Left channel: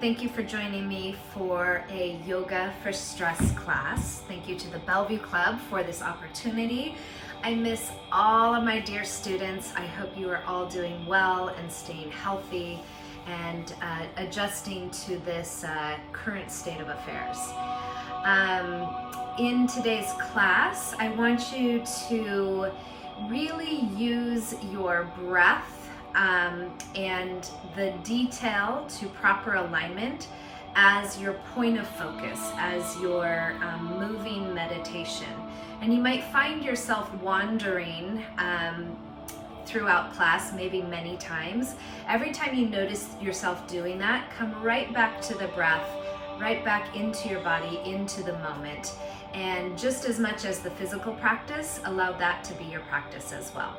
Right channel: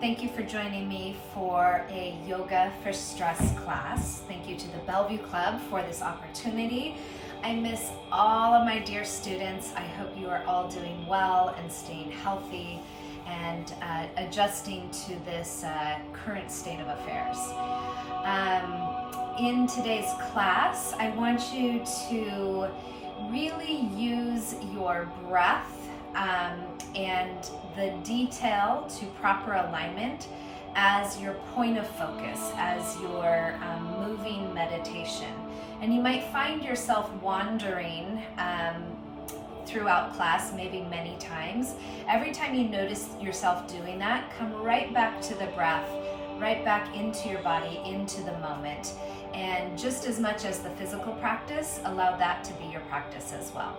Thank you for joining me for a Yoga for Stress class. Thank you to the Bellevue Club for this opportunity. I miss all of my dear students. I hope you are all doing well and staying healthy and adjusting to this current state of affairs. In today's class, I want you to really use your breath and the detail to proper alignment as your point of focus, as your moving meditation. And you might find yourself wandering throughout class, maybe many times. Every time you notice yourself doing that, come right back to the breath, right back into your body, into the moment. And just as much as the physical practice, allow that to be your practice as well.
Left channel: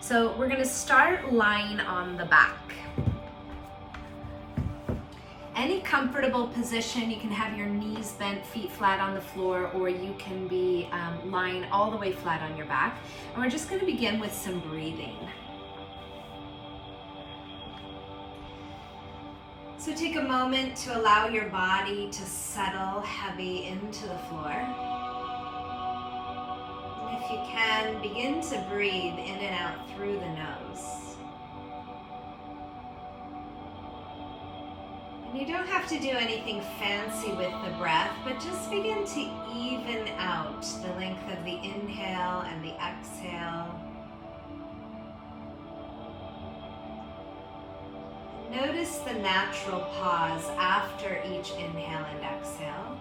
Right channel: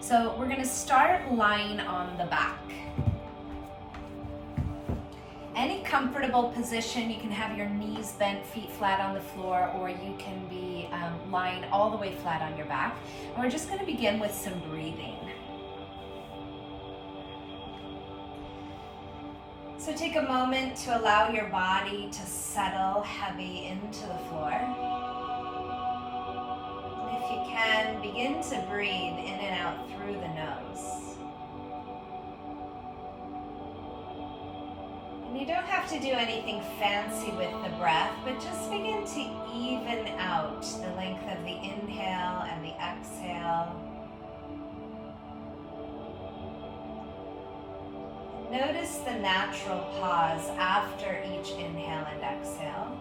So we're going to start lying on the back. Any comfortable position, you can have your knees bent, feet flat on the floor, or you can be lying all the way flat on your back. And we're just going to begin with some breathing. So take a moment to allow your body to settle heavy into the floor. If you can, begin to breathe in and out through the nose. And you don't have to do anything fancy with the breath, but just begin to even out the length of the inhale and the exhale. Notice the natural pause after each inhale and exhale.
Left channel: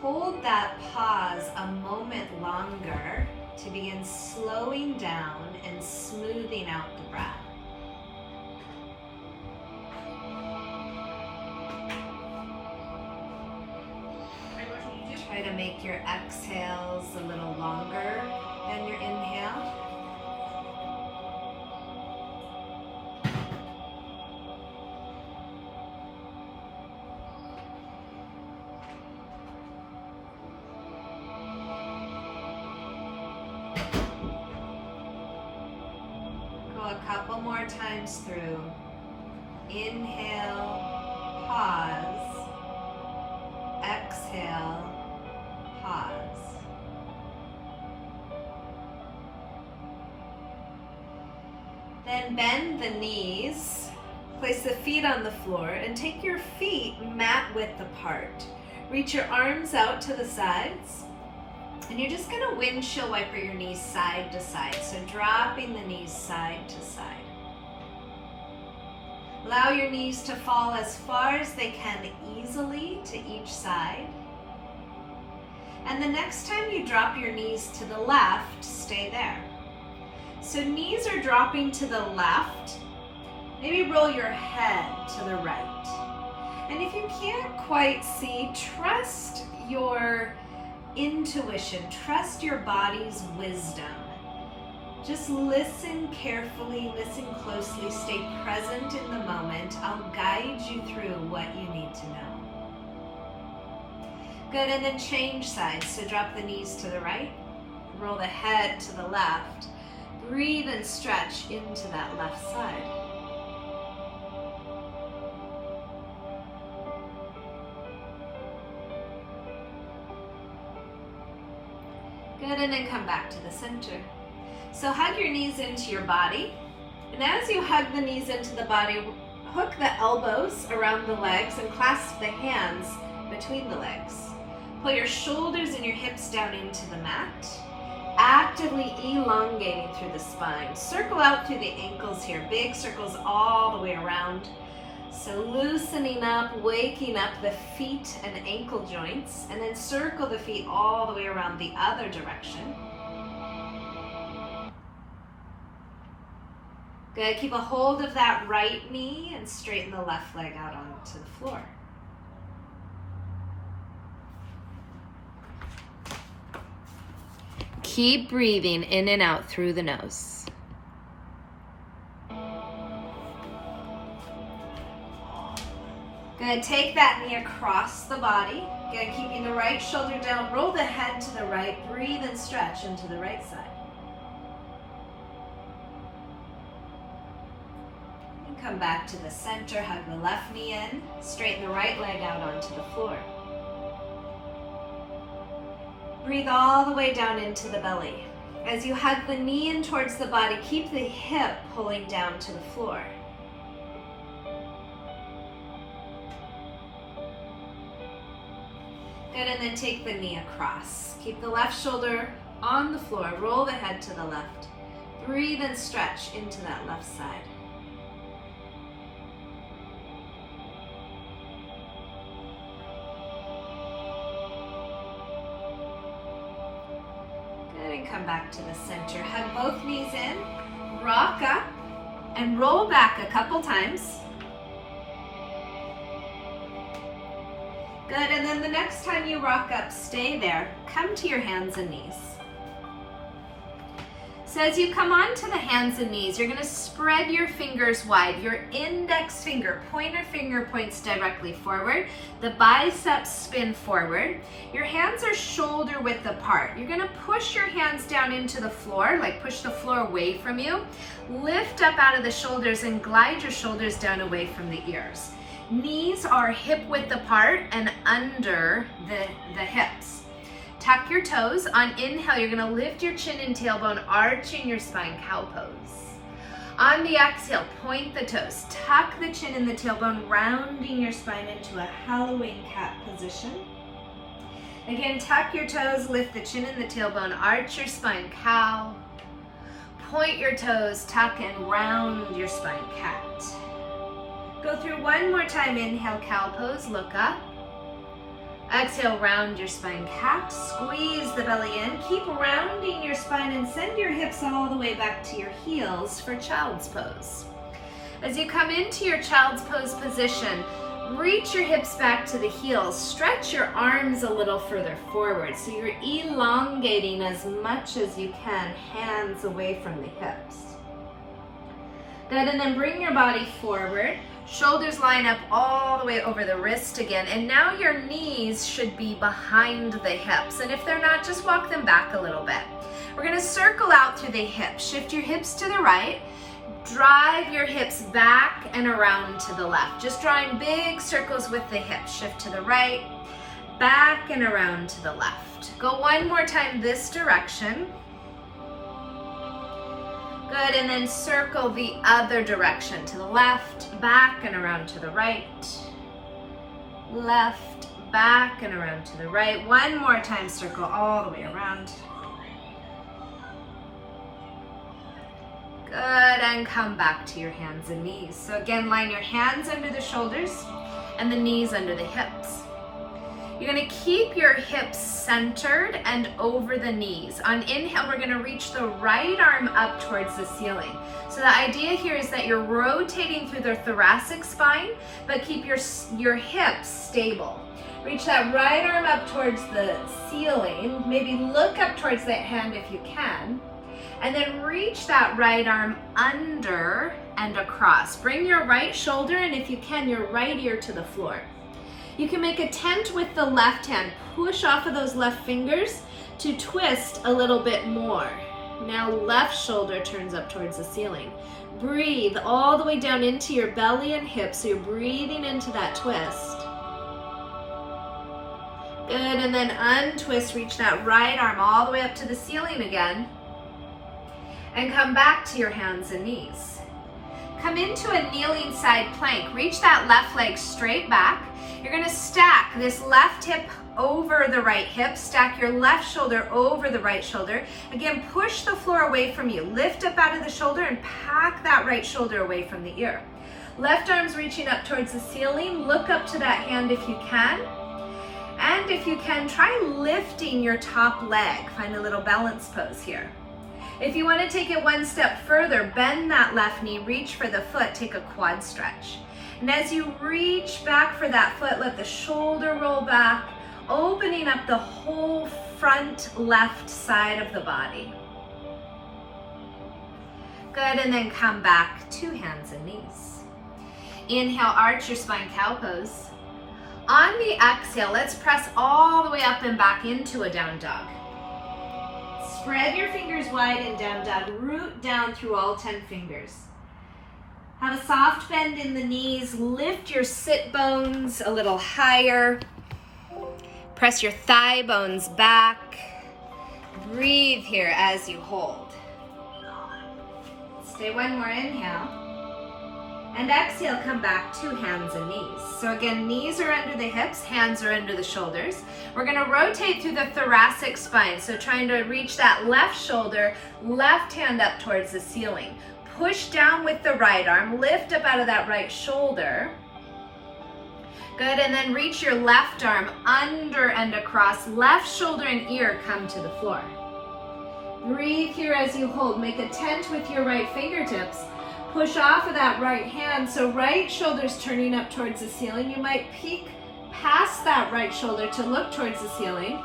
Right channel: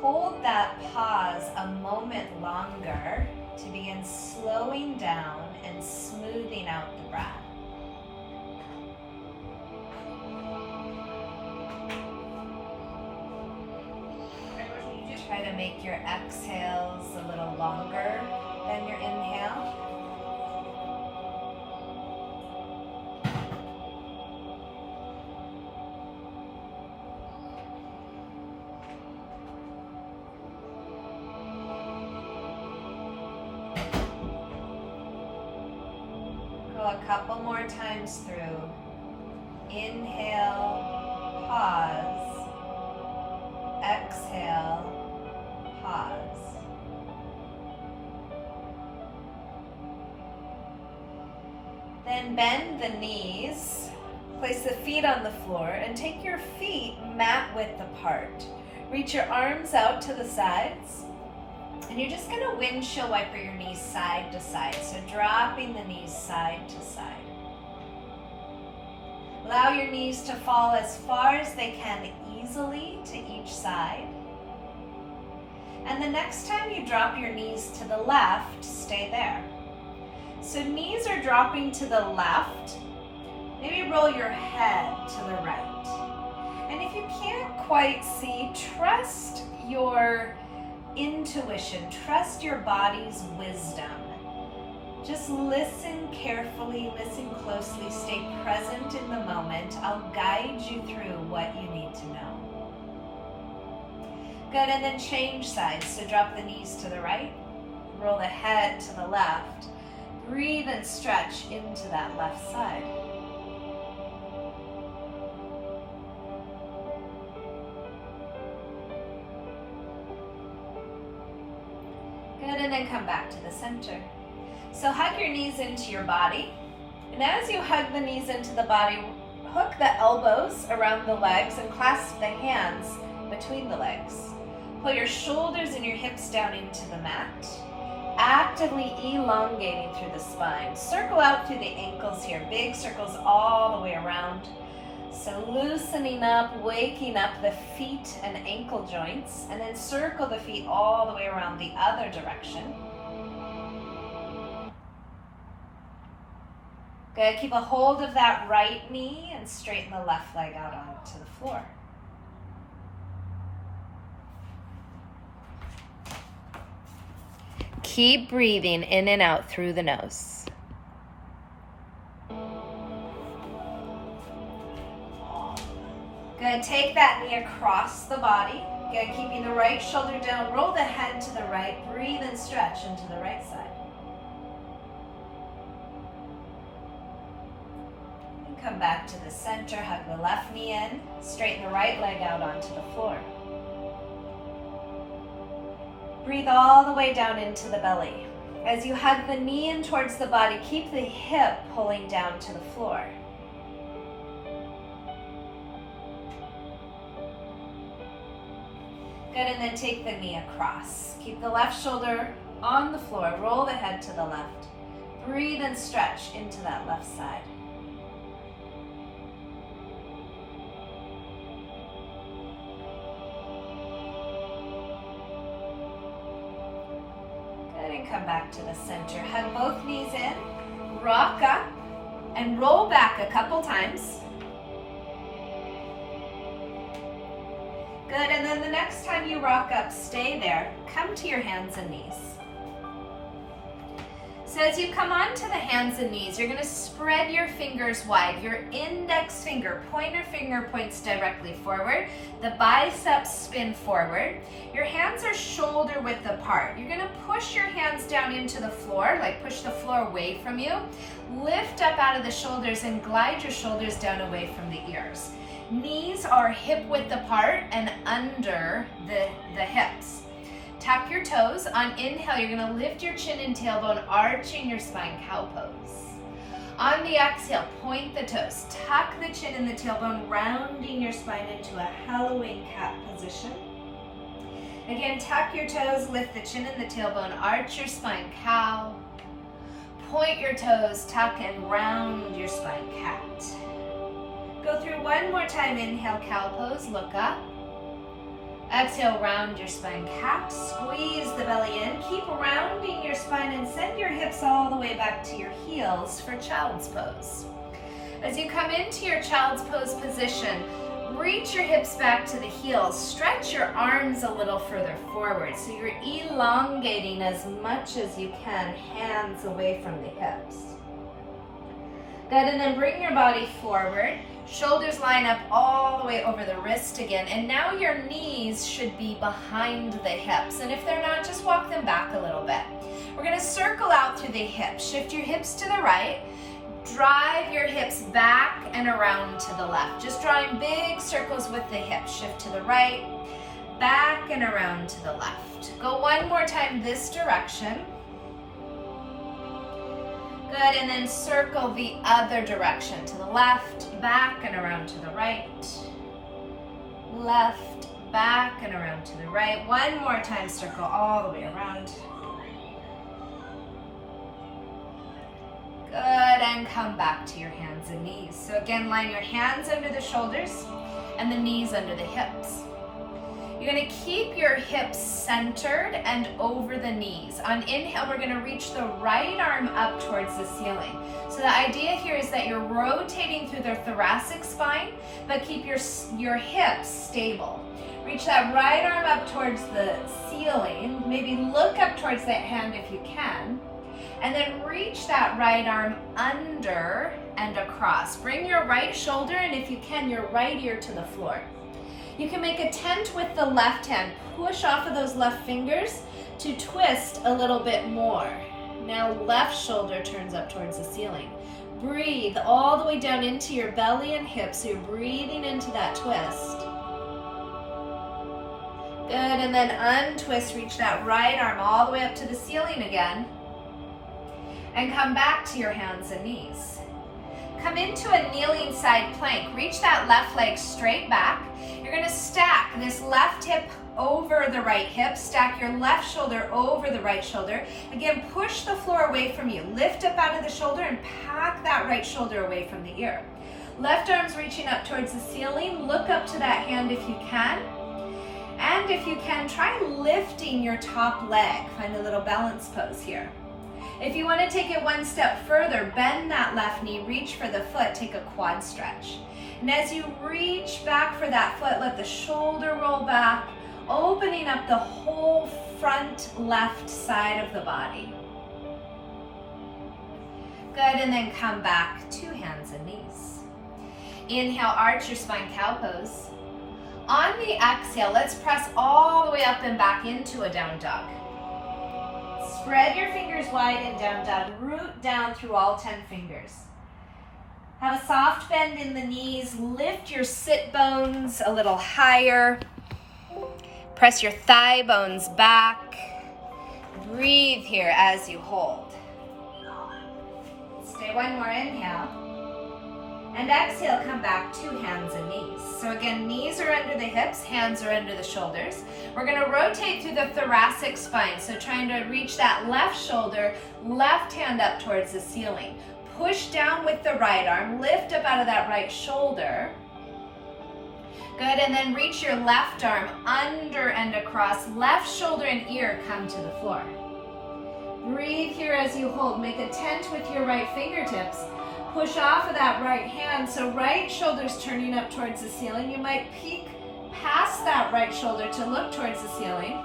Hold that pause a moment longer to begin slowing down and smoothing out the breath. Try to make your exhales a little longer than your inhale. A couple more times through. Inhale, pause, exhale, pause. Then bend the knees, place the feet on the floor, and take your feet mat width apart. Reach your arms out to the sides. And you're just going to windshield wiper your knees side to side. So dropping the knees side to side. Allow your knees to fall as far as they can easily to each side. And the next time you drop your knees to the left, stay there. So knees are dropping to the left. Maybe roll your head to the right. And if you can't quite see, trust your intuition, trust your body's wisdom. Just listen carefully, listen closely, stay present in the moment. I'll guide you through what you need to know. Good, and then change sides. So drop the knees to the right, roll the head to the left. Breathe and stretch into that left side. Good, and then come back to the center. So hug your knees into your body. And as you hug the knees into the body, hook the elbows around the legs and clasp the hands between the legs. Pull your shoulders and your hips down into the mat, actively elongating through the spine. Circle out through the ankles here, big circles all the way around. So loosening up, waking up the feet and ankle joints, and then circle the feet all the way around the other direction. Good, keep a hold of that right knee and straighten the left leg out onto the floor. Keep breathing in and out through the nose. Good, take that knee across the body. Again, keeping the right shoulder down, roll the head to the right, breathe and stretch into the right side. Come back to the center, hug the left knee in, straighten the right leg out onto the floor. Breathe all the way down into the belly. As you hug the knee in towards the body, keep the hip pulling down to the floor. Good, and then take the knee across. Keep the left shoulder on the floor, roll the head to the left. Breathe and stretch into that left side. Good, and come back to the center. Hug both knees in, rock up, and roll back a couple times. Good, and then the next time you rock up, stay there. Come to your hands and knees. So as you come onto the hands and knees, you're gonna spread your fingers wide. Your index finger, pointer finger points directly forward. The biceps spin forward. Your hands are shoulder width apart. You're gonna push your hands down into the floor, like push the floor away from you. Lift up out of the shoulders and glide your shoulders down away from the ears. Knees are hip width apart and under the hips. Tuck your toes. On inhale, you're gonna lift your chin and tailbone, arching your spine, cow pose. On the exhale, point the toes. Tuck the chin and the tailbone, rounding your spine into a Halloween cat position. Again, tuck your toes, lift the chin and the tailbone, arch your spine, cow. Point your toes, tuck and round your spine, cat. Go through one more time. Inhale, cow pose, look up. Exhale, round your spine, cat. Squeeze the belly in. Keep rounding your spine and send your hips all the way back to your heels for child's pose. As you come into your child's pose position, reach your hips back to the heels. Stretch your arms a little further forward. So you're elongating as much as you can, hands away from the hips. Good, and then bring your body forward. Shoulders line up all the way over the wrist again, and now your knees should be behind the hips, and if they're not, just walk them back a little bit. We're gonna circle out through the hips. Shift your hips to the right, drive your hips back and around to the left, just drawing big circles with the hips. Shift to the right, back and around to the left. Go one more time this direction. Good, and then circle the other direction, to the left, back and around to the right. Left, back and around to the right. One more time, circle all the way around. Good, and come back to your hands and knees. So again, line your hands under the shoulders and the knees under the hips. You're gonna keep your hips centered and over the knees. On inhale, we're gonna reach the right arm up towards the ceiling. So the idea here is that you're rotating through the thoracic spine, but keep your hips stable. Reach that right arm up towards the ceiling. Maybe look up towards that hand if you can. And then reach that right arm under and across. Bring your right shoulder and if you can, your right ear to the floor. You can make a tent with the left hand. Push off of those left fingers to twist a little bit more. Now left shoulder turns up towards the ceiling. Breathe all the way down into your belly and hips, so you're breathing into that twist. Good, and then untwist, reach that right arm all the way up to the ceiling again. And come back to your hands and knees. Come into a kneeling side plank. Reach that left leg straight back. You're gonna stack this left hip over the right hip. Stack your left shoulder over the right shoulder. Again, push the floor away from you. Lift up out of the shoulder and pack that right shoulder away from the ear. Left arm's reaching up towards the ceiling. Look up to that hand if you can. And if you can, try lifting your top leg. Find a little balance pose here. If you want to take it one step further, bend that left knee, reach for the foot, take a quad stretch. And as you reach back for that foot, let the shoulder roll back, opening up the whole front left side of the body. Good, and then come back to hands and knees. Inhale, arch your spine, cow pose. On the exhale, let's press all the way up and back into a down dog. Spread your fingers wide in down dog, root down through all 10 fingers. Have a soft bend in the knees. Lift your sit bones a little higher. Press your thigh bones back. Breathe here as you hold. Stay one more inhale. And exhale, come back to hands and knees. So again, knees are under the hips, hands are under the shoulders. We're gonna rotate through the thoracic spine. So trying to reach that left shoulder, left hand up towards the ceiling. Push down with the right arm, lift up out of that right shoulder. Good, and then reach your left arm under and across. Left shoulder and ear come to the floor. Breathe here as you hold. Make a tent with your right fingertips. Push off of that right hand, so right shoulder's turning up towards the ceiling. You might peek past that right shoulder to look towards the ceiling.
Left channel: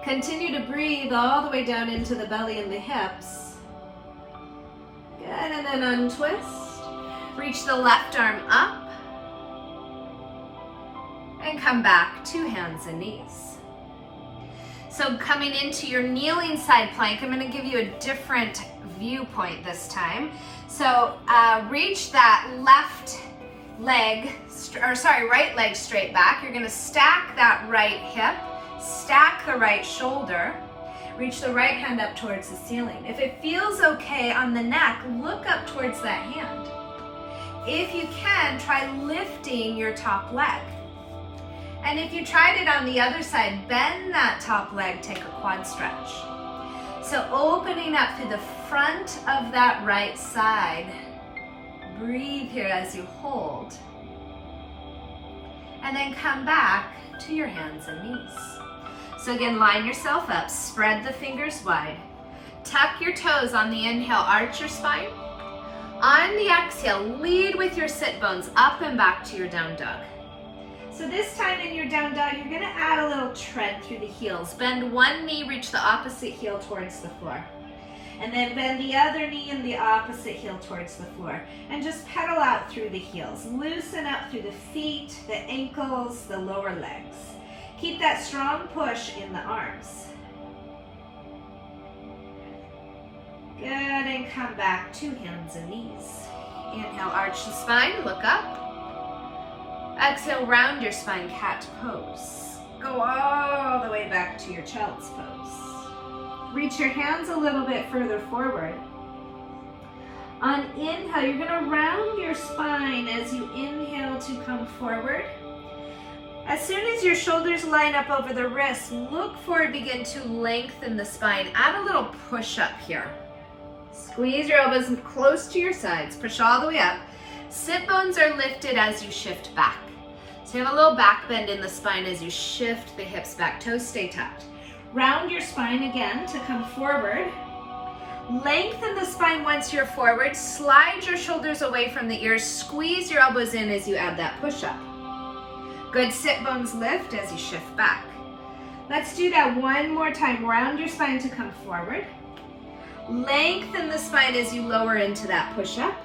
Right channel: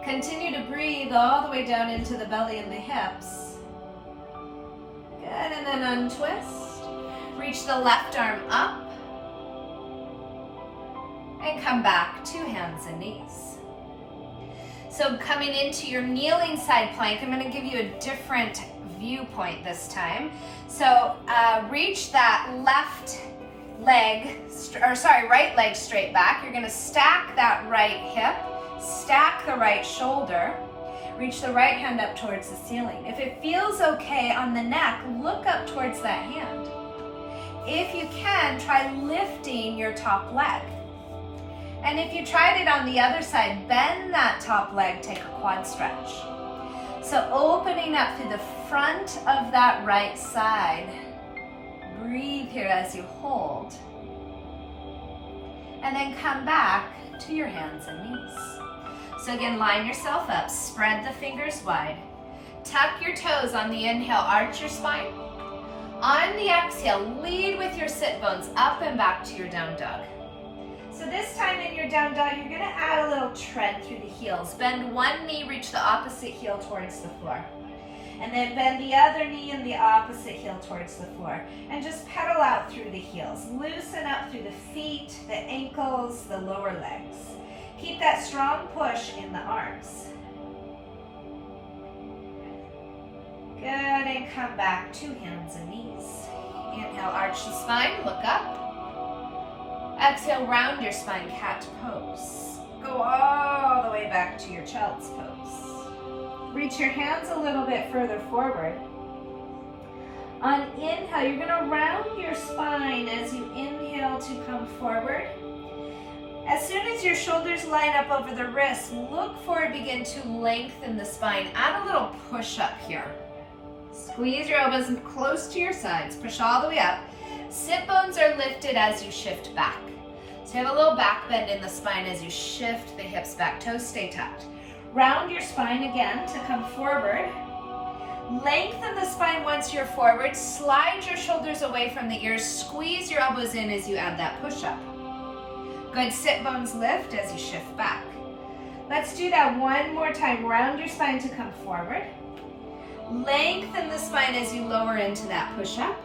Continue to breathe all the way down into the belly and the hips. Good, and then untwist. Reach the left arm up. And come back to hands and knees. So coming into your kneeling side plank, I'm going to give you a different viewpoint this time. So reach that right leg straight back. You're going to stack that right hip, stack the right shoulder, reach the right hand up towards the ceiling. If it feels okay on the neck, look up towards that hand. If you can, try lifting your top leg. And if you tried it on the other side, bend that top leg, take a quad stretch. So opening up through the front of that right side. Breathe here as you hold. And then come back to your hands and knees. So again, line yourself up, spread the fingers wide. Tuck your toes on the inhale, arch your spine. On the exhale, lead with your sit bones up and back to your down dog. So this time in your down dog, you're gonna add a little tread through the heels. Bend one knee, reach the opposite heel towards the floor. And then bend the other knee and the opposite heel towards the floor. And just pedal out through the heels. Loosen up through the feet, the ankles, the lower legs. Keep that strong push in the arms. Good, and come back to hands and knees. Inhale, arch the spine, look up. Exhale, round your spine, cat pose. Go all the way back to your child's pose. Reach your hands a little bit further forward. On inhale, you're gonna round your spine as you inhale to come forward. As soon as your shoulders line up over the wrists, look forward, begin to lengthen the spine. Add a little push up here. Squeeze your elbows close to your sides, push all the way up. Sit bones are lifted as you shift back. So you have a little back bend in the spine as you shift the hips back, toes stay tucked. Round your spine again to come forward. Lengthen the spine once you're forward. Slide your shoulders away from the ears. Squeeze your elbows in as you add that push up. Good, sit bones lift as you shift back. Let's do that one more time. Round your spine to come forward. Lengthen the spine as you lower into that push up.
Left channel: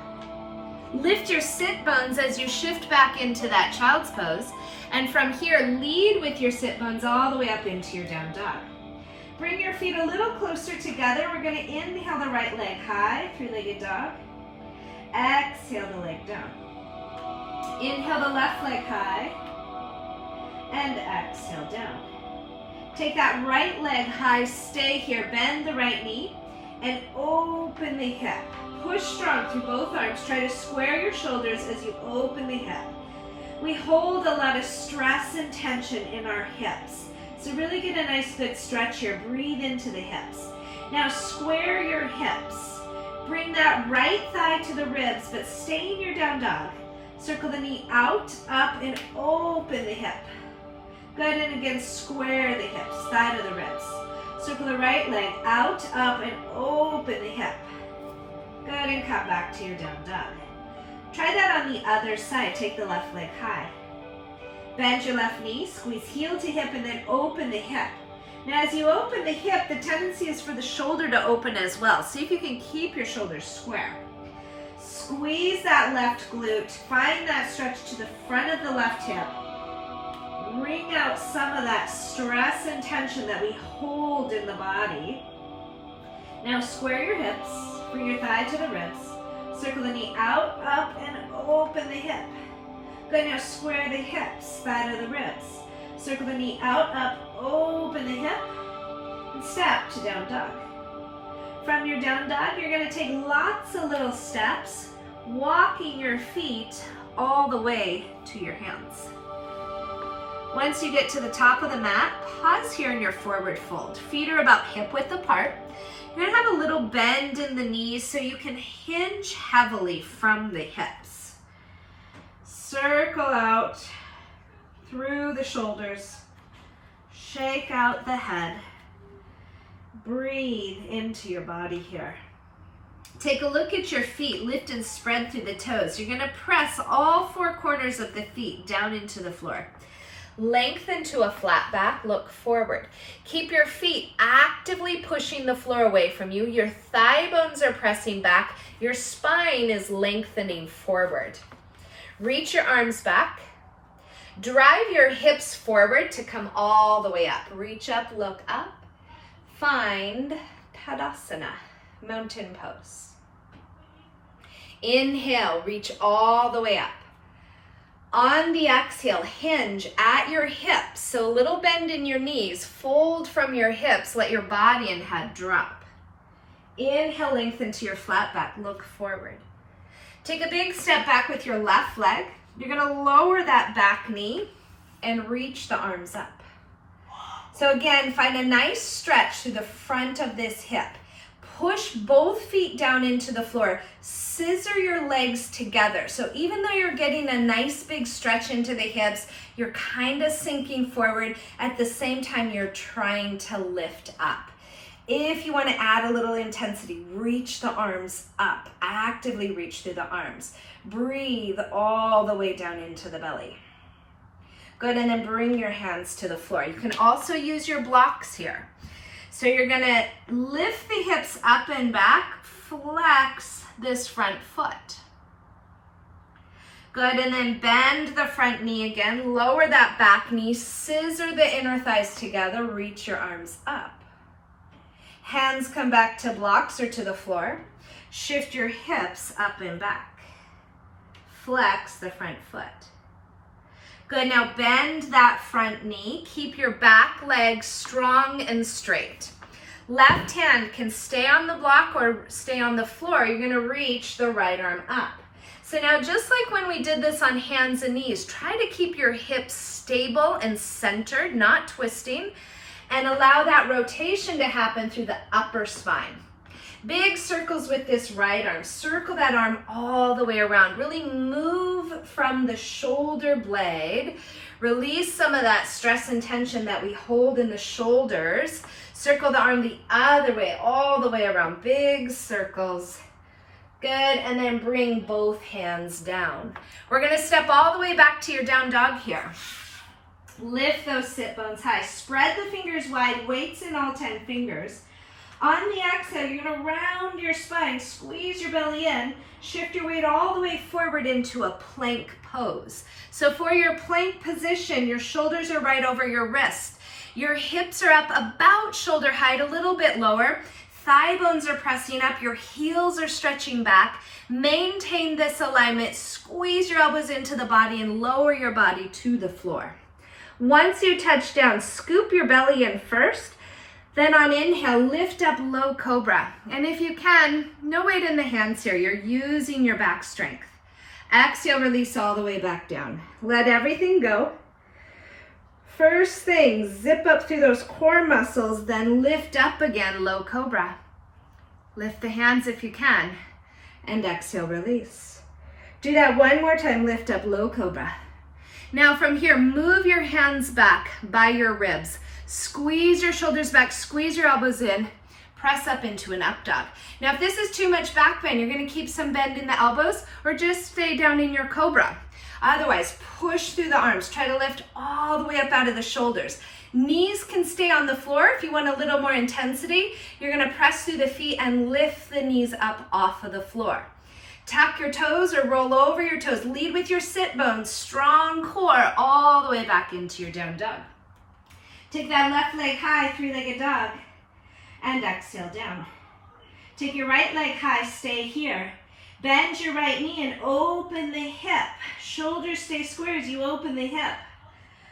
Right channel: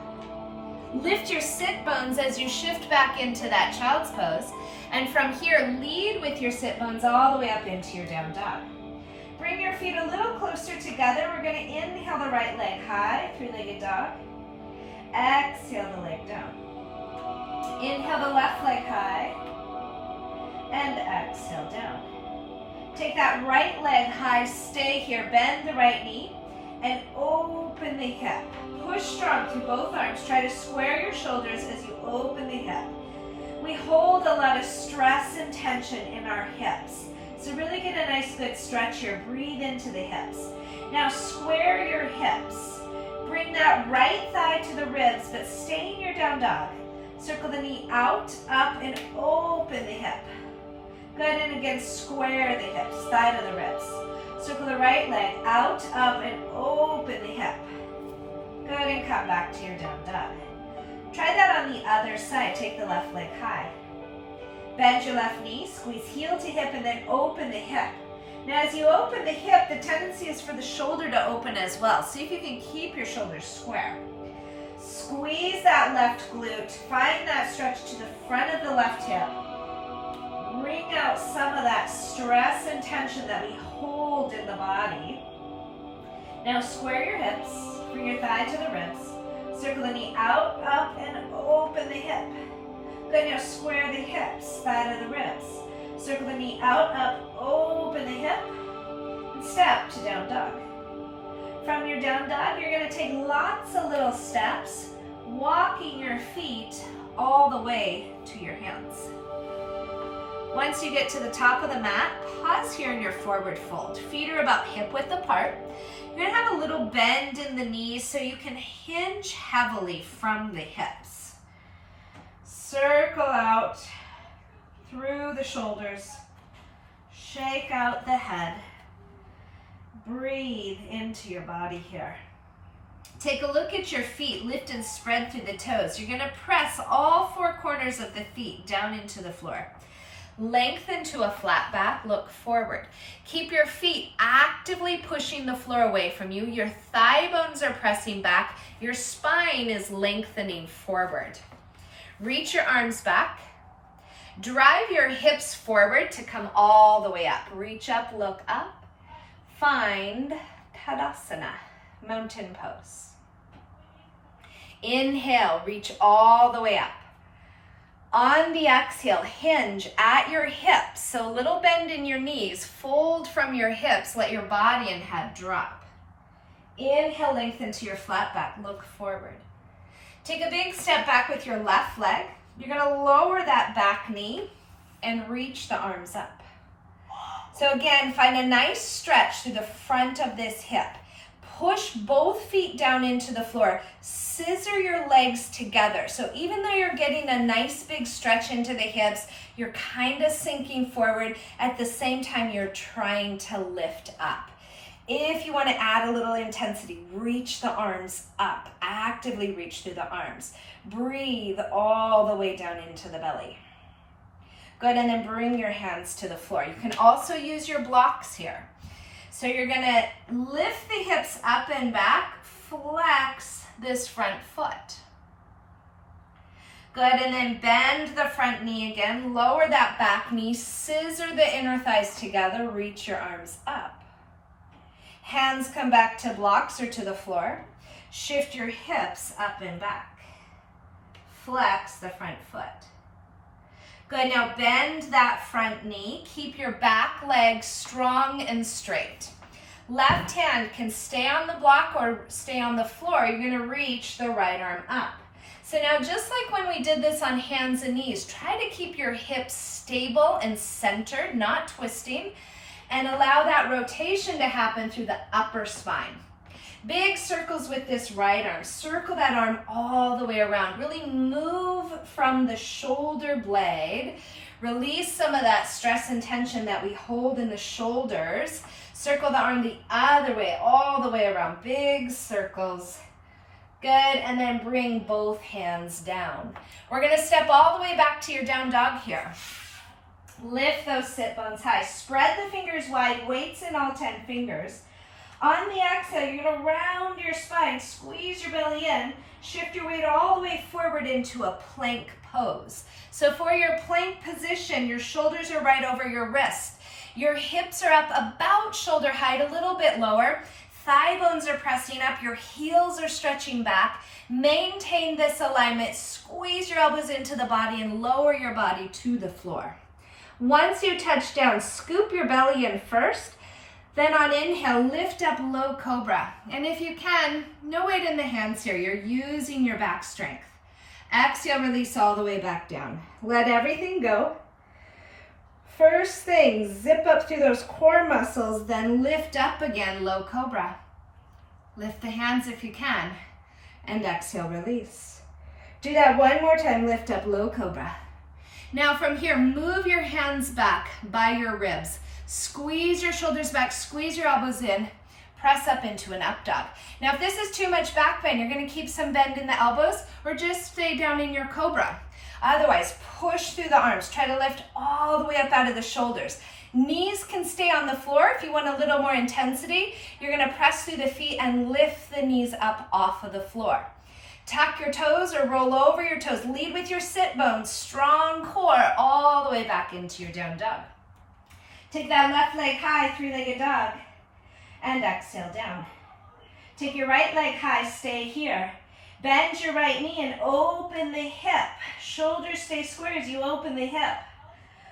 Lift your sit bones as you shift back into that child's pose. And from here, lead with your sit bones all the way up into your down dog. Bring your feet a little closer together. We're going to inhale the right leg high, three-legged dog. Exhale the leg down. Inhale the left leg high. And exhale down. Take that right leg high, stay here. Bend the right knee and open the hip. Push strong through both arms. Try to square your shoulders as you open the hip. We hold a lot of stress and tension in our hips. So really get a nice good stretch here. Breathe into the hips. Now square your hips. Bring that right thigh to the ribs, but stay in your down dog. Circle the knee out, up, and open the hip. Good, and again, square the hips, thigh to the ribs. Circle the right leg out, up, and open the hip. Good, and come back to your down dog. Try that on the other side. Take the left leg high. Bend your left knee, squeeze heel to hip, and then open the hip. Now as you open the hip, the tendency is for the shoulder to open as well. See if you can keep your shoulders square. Squeeze that left glute. Find that stretch to the front of the left hip. Bring out some of that stress and tension that we hold in the body. Now square your hips. Bring your thigh to the ribs. Circle the knee out, up, and open the hip. Good, now square the hips, flat of the ribs. Circle the knee out, up, open the hip, and step to down dog. From your down dog, you're gonna take lots of little steps, walking your feet all the way to your hands. Once you get to the top of the mat, pause here in your forward fold. Feet are about hip width apart. You're gonna have a little bend in the knees so you can hinge heavily from the hips. Circle out through the shoulders. Shake out the head. Breathe into your body here. Take a look at your feet, lift and spread through the toes. You're gonna press all four corners of the feet down into the floor. Lengthen to a flat back, look forward. Keep your feet actively pushing the floor away from you. Your thigh bones are pressing back. Your spine is lengthening forward. Reach your arms back. Drive your hips forward to come all the way up. Reach up, look up. Find Tadasana, mountain pose. Inhale, reach all the way up. On the exhale, hinge at your hips. So a little bend in your knees, fold from your hips, let your body and head drop. Inhale, lengthen to your flat back, look forward. Take a big step back with your left leg. You're gonna lower that back knee and reach the arms up. So again, find a nice stretch through the front of this hip. Push both feet down into the floor. Scissor your legs together. So even though you're getting a nice big stretch into the hips, you're kind of sinking forward. At the same time, you're trying to lift up. If you want to add a little intensity, reach the arms up. Actively reach through the arms. Breathe all the way down into the belly. Good, and then bring your hands to the floor. You can also use your blocks here. So you're gonna lift the hips up and back, flex this front foot. Good, and then bend the front knee again, lower that back knee, scissor the inner thighs together, reach your arms up. Hands come back to blocks or to the floor. Shift your hips up and back. Flex the front foot. Good, now bend that front knee. Keep your back leg strong and straight. Left hand can stay on the block or stay on the floor. You're gonna reach the right arm up. So now just like when we did this on hands and knees, try to keep your hips stable and centered, not twisting, and allow that rotation to happen through the upper spine. Big circles with this right arm. Circle that arm all the way around. Really move from the shoulder blade. Release some of that stress and tension that we hold in the shoulders. Circle the arm the other way, all the way around. Big circles. Good, and then bring both hands down. We're gonna step all the way back to your down dog here. Lift those sit bones high. Spread the fingers wide, weights in all 10 fingers. On the exhale, you're gonna round your spine, squeeze your belly in, shift your weight all the way forward into a plank pose. So for your plank position, your shoulders are right over your wrist. Your hips are up about shoulder height, a little bit lower. Thigh bones are pressing up, your heels are stretching back. Maintain this alignment, squeeze your elbows into the body and lower your body to the floor. Once you touch down, scoop your belly in first. Then on inhale, lift up low cobra. And if you can, no weight in the hands here. You're using your back strength. Exhale, release all the way back down. Let everything go. First thing, zip up through those core muscles, then lift up again, low cobra. Lift the hands if you can, and exhale, release. Do that one more time, lift up, low cobra. Now from here, move your hands back by your ribs. Squeeze your shoulders back, squeeze your elbows in, press up into an up dog. Now if this is too much back bend, you're gonna keep some bend in the elbows or just stay down in your cobra. Otherwise, push through the arms. Try to lift all the way up out of the shoulders. Knees can stay on the floor. If you want a little more intensity, you're gonna press through the feet and lift the knees up off of the floor. Tuck your toes or roll over your toes. Lead with your sit bones, strong core, all the way back into your down dog. Take that left leg high, three-legged dog, and exhale down. Take your right leg high, stay here. Bend your right knee and open the hip. Shoulders stay square as you open the hip.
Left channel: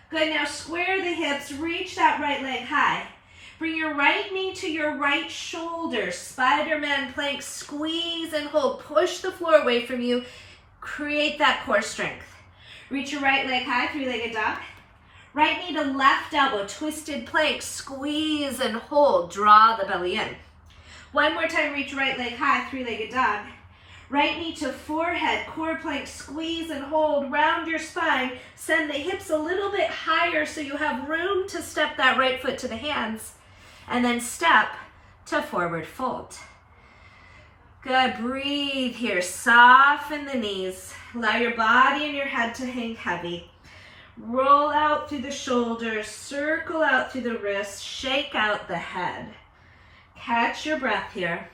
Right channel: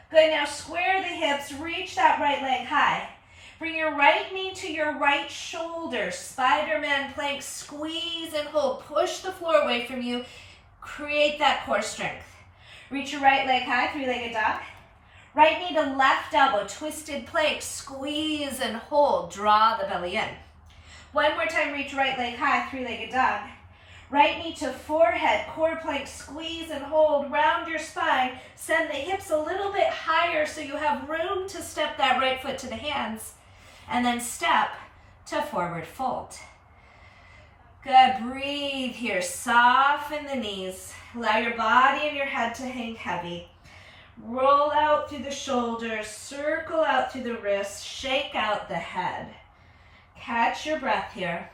Good, now square the hips, reach that right leg high. Bring your right knee to your right shoulder. Spider-Man plank, squeeze and hold. Push the floor away from you. Create that core strength. Reach your right leg high, three-legged dog. Right knee to left elbow, twisted plank, squeeze and hold. Draw the belly in. One more time, reach right leg high, three-legged dog. Right knee to forehead, core plank, squeeze and hold. Round your spine. Send the hips a little bit higher so you have room to step that right foot to the hands. And then step to forward fold. Good, breathe here. Soften the knees. Allow your body and your head to hang heavy. Roll out through the shoulders, circle out through the wrists, shake out the head. Catch your breath here.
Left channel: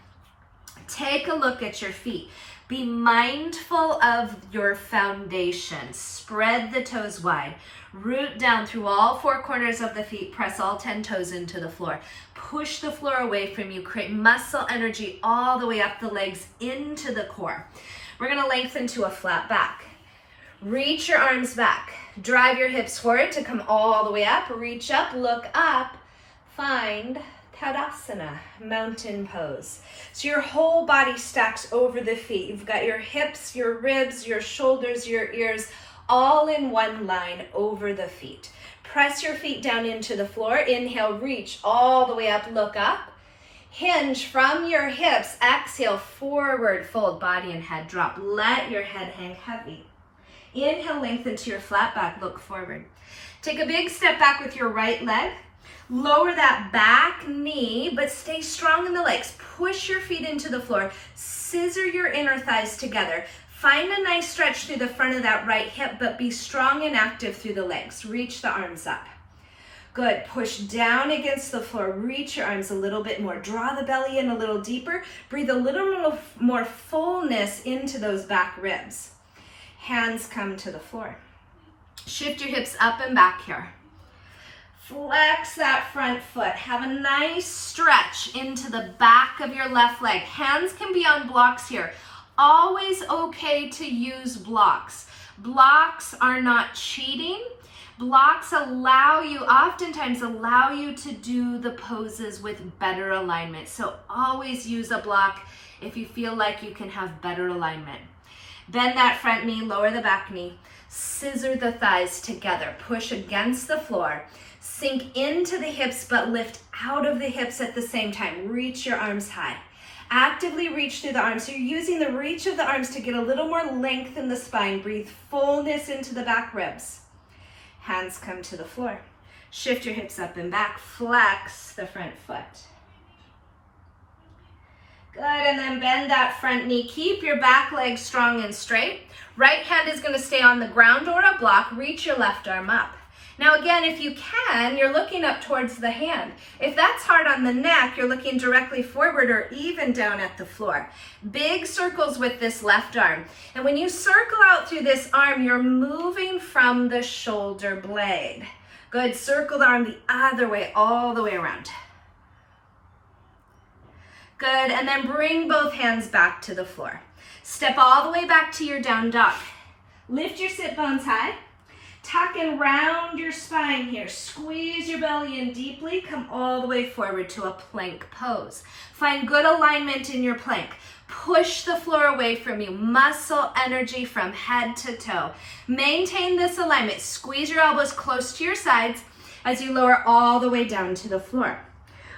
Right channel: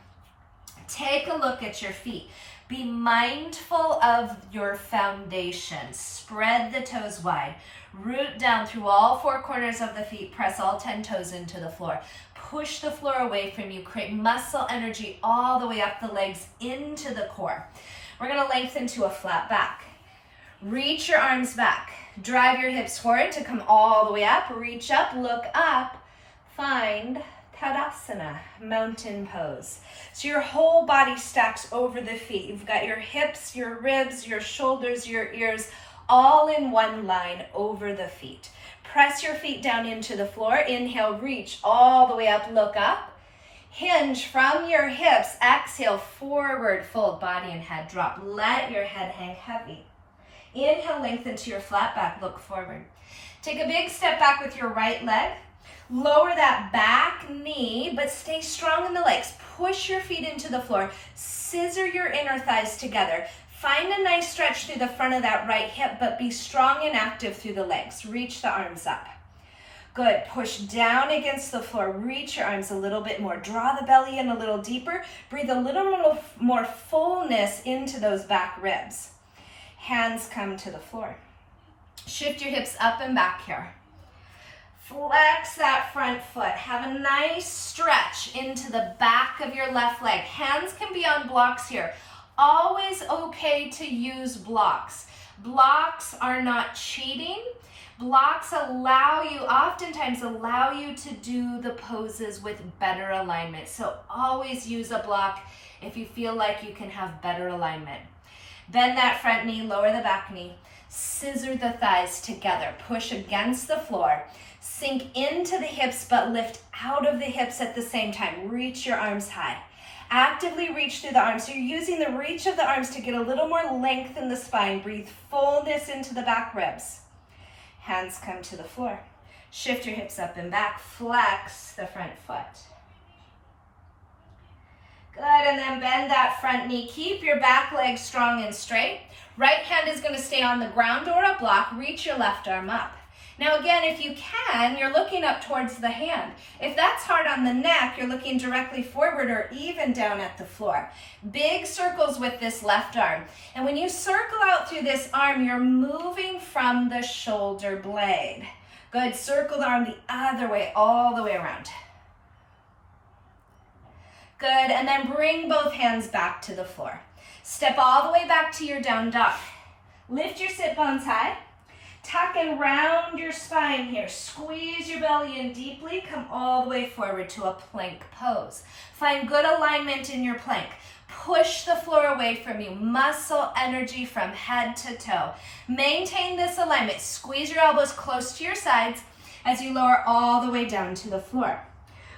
Take a look at your feet. Be mindful of your foundation. Spread the toes wide. Root down through all four corners of the feet. Press all 10 toes into the floor. Push the floor away from you. Create muscle energy all the way up the legs into the core. We're going to lengthen to a flat back. Reach your arms back. Drive your hips forward to come all the way up. Reach up, look up, find Tadasana, mountain pose. So your whole body stacks over the feet. You've got your hips, your ribs, your shoulders, your ears, all in one line over the feet. Press your feet down into the floor. Inhale, reach all the way up, look up. Hinge from your hips. Exhale, forward, fold, body and head drop. Let your head hang heavy. Inhale, lengthen to your flat back, look forward. Take a big step back with your right leg. Lower that back knee, but stay strong in the legs. Push your feet into the floor. Scissor your inner thighs together. Find a nice stretch through the front of that right hip, but be strong and active through the legs. Reach the arms up. Good. Push down against the floor. Reach your arms a little bit more. Draw the belly in a little deeper. Breathe a little more fullness into those back ribs. Hands come to the floor. Shift your hips up and back here. Flex that front foot. Have a nice stretch into the back of your left leg. Hands can be on blocks here. Always okay to use blocks. Blocks are not cheating. Blocks oftentimes allow you to do the poses with better alignment. So always use a block if you feel like you can have better alignment. Bend that front knee, lower the back knee. Scissor the thighs together. Push against the floor. Sink into the hips, but lift out of the hips at the same time. Reach your arms high. Actively reach through the arms. So you're using the reach of the arms to get a little more length in the spine. Breathe fullness into the back ribs. Hands come to the floor. Shift your hips up and back. Flex the front foot. Good, and then bend that front knee. Keep your back leg strong and straight. Right hand is going to stay on the ground or a block. Reach your left arm up. Now again, if you can, you're looking up towards the hand. If that's hard on the neck, you're looking directly forward or even down at the floor. Big circles with this left arm. And when you circle out through this arm, you're moving from the shoulder blade. Good, circle the arm the other way, all the way around. Good, and then bring both hands back to the floor. Step all the way back to your down dog. Lift your sit bones high. Tuck and round your spine here. Squeeze your belly in deeply. Come all the way forward to a plank pose. Find good alignment in your plank. Push the floor away from you. Muscle energy from head to toe. Maintain this alignment. Squeeze your elbows close to your sides as you lower all the way down to the floor.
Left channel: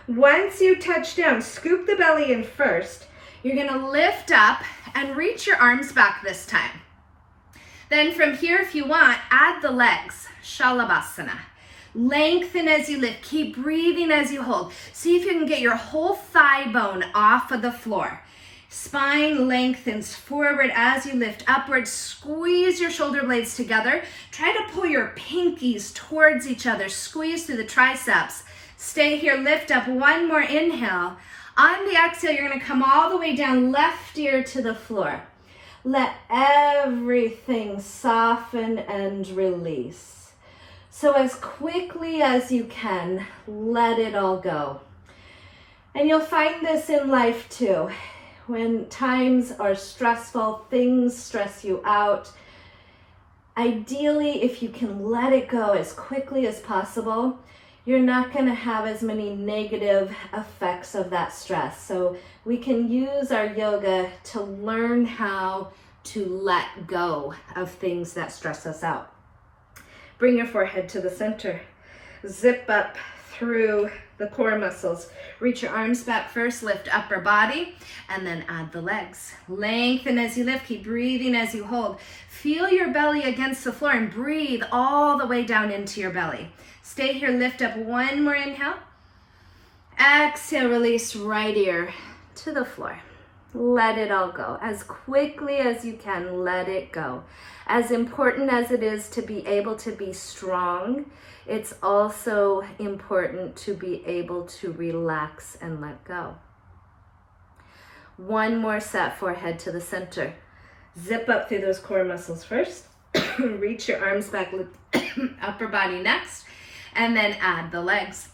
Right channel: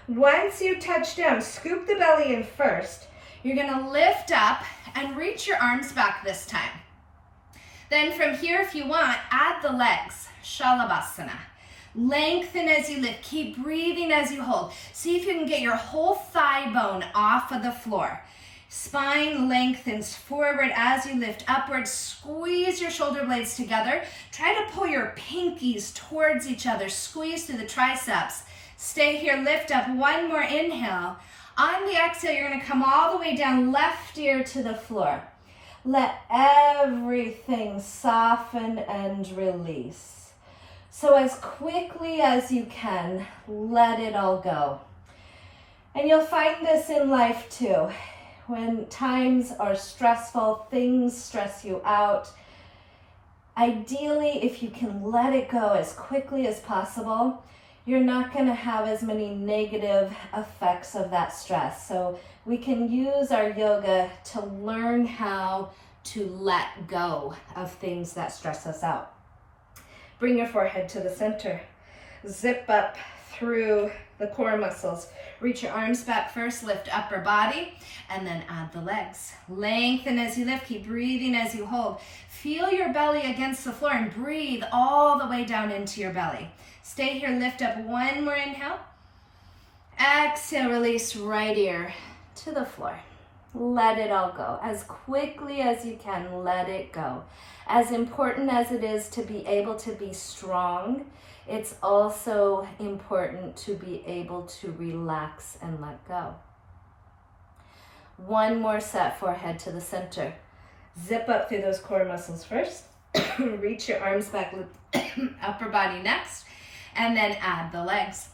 Once you touch down, scoop the belly in first. You're going to lift up and reach your arms back this time. Then from here, if you want, add the legs, Shavasana. Lengthen as you lift. Keep breathing as you hold. See if you can get your whole thigh bone off of the floor. Spine lengthens forward as you lift upward. Squeeze your shoulder blades together. Try to pull your pinkies towards each other. Squeeze through the triceps. Stay here, lift up. One more inhale. On the exhale, you're going to come all the way down, left ear to the floor. Let everything soften and release. So as quickly as you can, let it all go. And you'll find this in life too. when times are stressful, things stress you out, ideally, if you can let it go as quickly as possible, you're not going to have as many negative effects of that stress. So we can use our yoga to learn how to let go of things that stress us out. Bring your forehead to the center. Zip up through the core muscles. Reach your arms back first, lift upper body, and then add the legs. Lengthen as you lift, keep breathing as you hold. Feel your belly against the floor and breathe all the way down into your belly. Stay here, lift up one more inhale. Exhale, release right ear to the floor. Let it all go. As quickly as you can, let it go. As important as it is to be able to be strong, it's also important to be able to relax and let go. One more set, forehead to the center. Zip up through those core muscles first. Reach your arms back, upper body next, and then add the legs.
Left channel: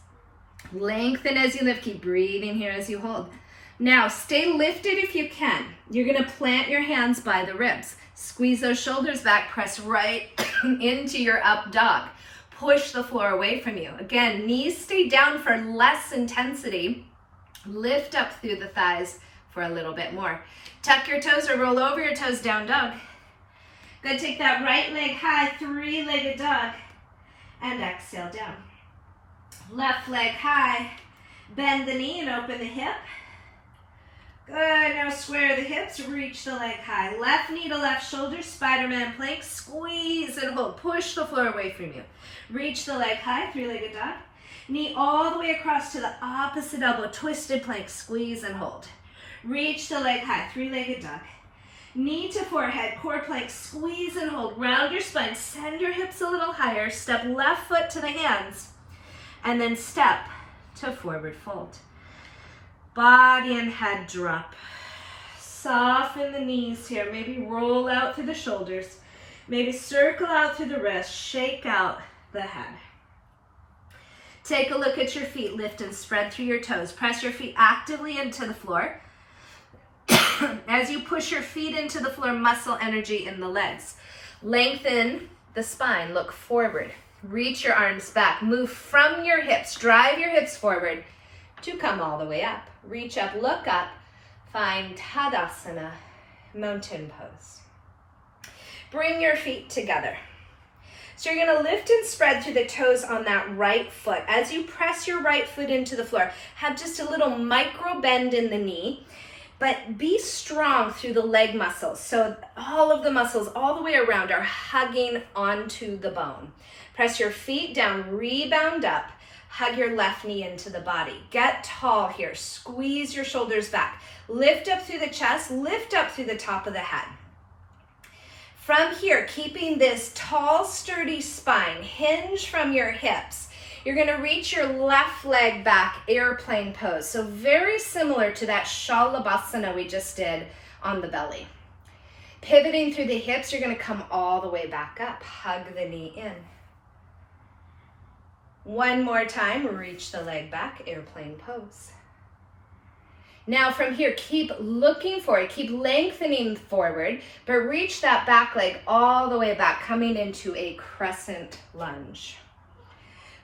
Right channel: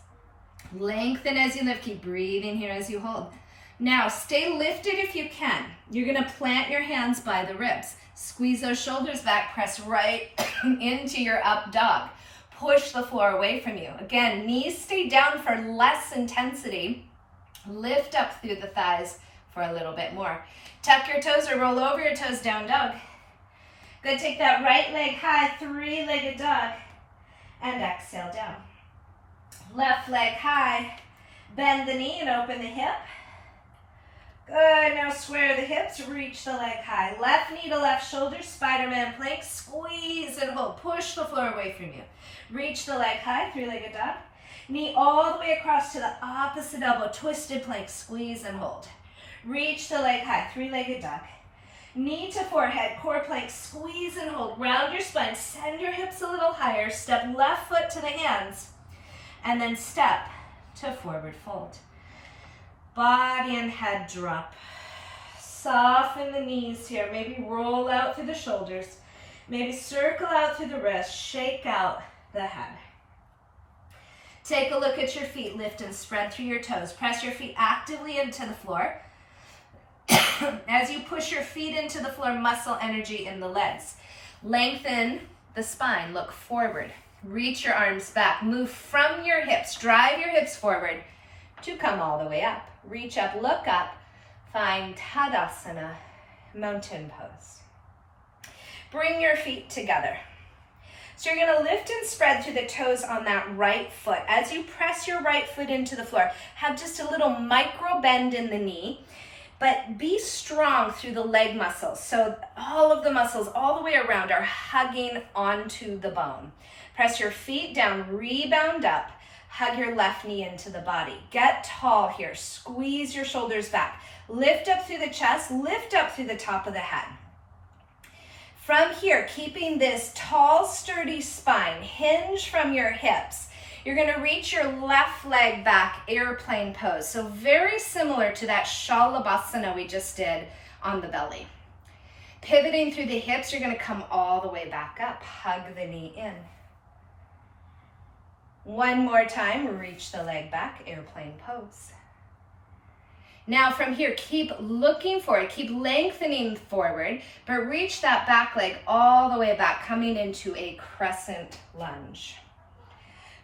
Lengthen as you lift, keep breathing here as you hold. Now, stay lifted if you can. You're gonna plant your hands by the ribs. Squeeze those shoulders back, press right into your up dog. Push the floor away from you. Again, knees stay down for less intensity. Lift up through the thighs for a little bit more. Tuck your toes or roll over your toes, down dog. Good, take that right leg high, three-legged dog, and exhale down. Left leg high, bend the knee and open the hip. Good, now square the hips, reach the leg high. Left knee to left shoulder, Spider-Man plank, squeeze and hold. Push the floor away from you. Reach the leg high, three-legged dog. Knee all the way across to the opposite elbow, twisted plank, squeeze and hold. Reach the leg high, three-legged dog. Knee to forehead, core plank, squeeze and hold. Round your spine, send your hips a little higher. Step left foot to the hands, and then step to forward fold. Body and head drop. Soften the knees here. Maybe roll out through the shoulders. Maybe circle out through the wrists. Shake out the head. Take a look at your feet. Lift and spread through your toes. Press your feet actively into the floor. As you push your feet into the floor, muscle energy in the legs. Lengthen the spine. Look forward. Reach your arms back. Move from your hips. Drive your hips forward to come all the way up. Reach up, look up, find Tadasana, mountain pose. Bring your feet together. So you're gonna lift and spread through the toes on that right foot. As you press your right foot into the floor, have just a little micro bend in the knee, but be strong through the leg muscles. So all of the muscles all the way around are hugging onto the bone. Press your feet down, rebound up. Hug your left knee into the body. Get tall here. Squeeze your shoulders back. Lift up through the chest. Lift up through the top of the head. From here, keeping this tall, sturdy spine, hinge from your hips. You're going to reach your left leg back, airplane pose. So very similar to that Shavasana we just did on the belly. Pivoting through the hips, you're going to come all the way back up. Hug the knee in. One more time, reach the leg back, airplane pose. Now from here, keep looking forward, keep lengthening forward, but reach that back leg all the way back, coming into a crescent lunge.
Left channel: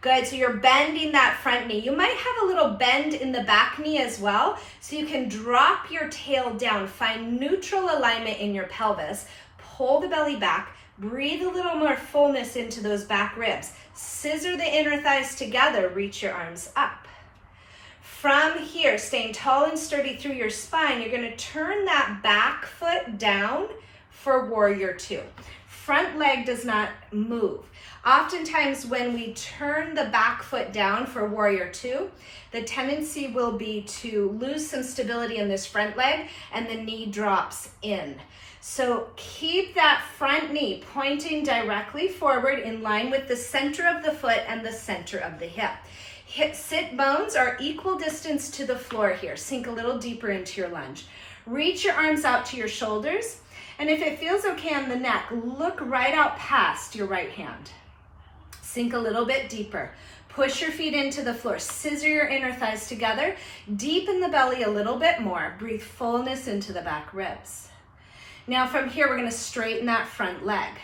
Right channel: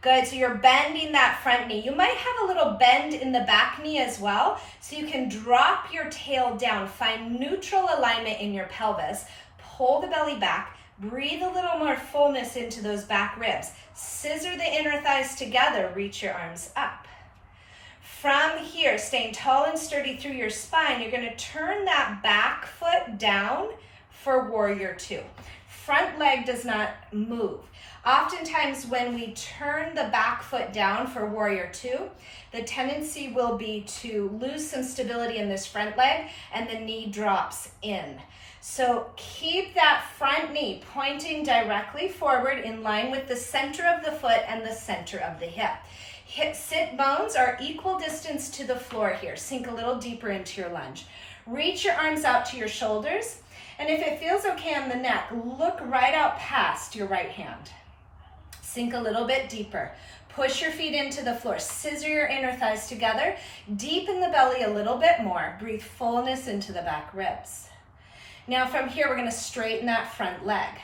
Good, so you're bending that front knee. You might have a little bend in the back knee as well, so you can drop your tail down, find neutral alignment in your pelvis, pull the belly back, breathe a little more fullness into those back ribs. Scissor the inner thighs together, reach your arms up. From here, staying tall and sturdy through your spine, you're gonna turn that back foot down for warrior two. Front leg does not move. Oftentimes when we turn the back foot down for warrior two, the tendency will be to lose some stability in this front leg and the knee drops in. So keep that front knee pointing directly forward in line with the center of the foot and the center of the hip. Hip sit bones are equal distance to the floor here. Sink a little deeper into your lunge. Reach your arms out to your shoulders, and if it feels okay on the neck, look right out past your right hand. Sink a little bit deeper. Push your feet into the floor. Scissor your inner thighs together. Deepen the belly a little bit more. Breathe fullness into the back ribs. Now from here, we're going to straighten that front leg.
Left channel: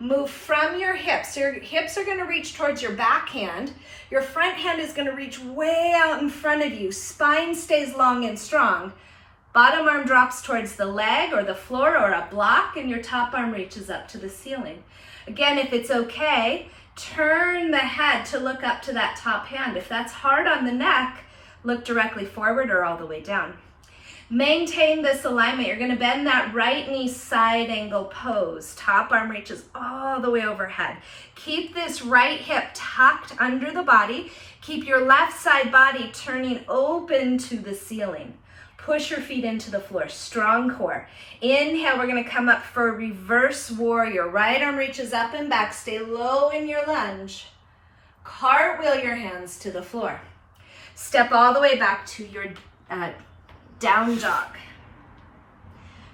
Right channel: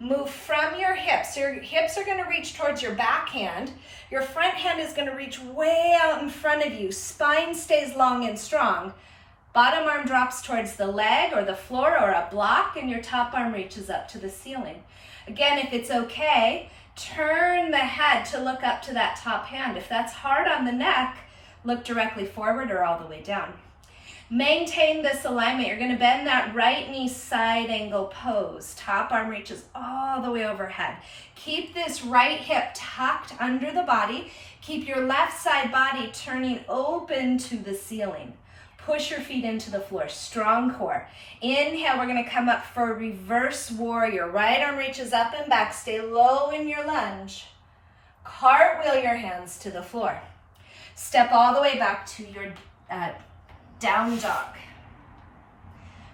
Move from your hips. Your hips are going to reach towards your back hand. Your front hand is going to reach way out in front of you. Spine stays long and strong. Bottom arm drops towards the leg or the floor or a block, and your top arm reaches up to the ceiling. Again, if it's okay, turn the head to look up to that top hand. If that's hard on the neck, look directly forward or all the way down. Maintain this alignment. You're going to bend that right knee, side angle pose. Top arm reaches all the way overhead. Keep this right hip tucked under the body. Keep your left side body turning open to the ceiling. Push your feet into the floor, strong core. Inhale, we're going to come up for a reverse warrior. Right arm reaches up and back. Stay low in your lunge. Cartwheel your hands to the floor. Step all the way back to your down dog.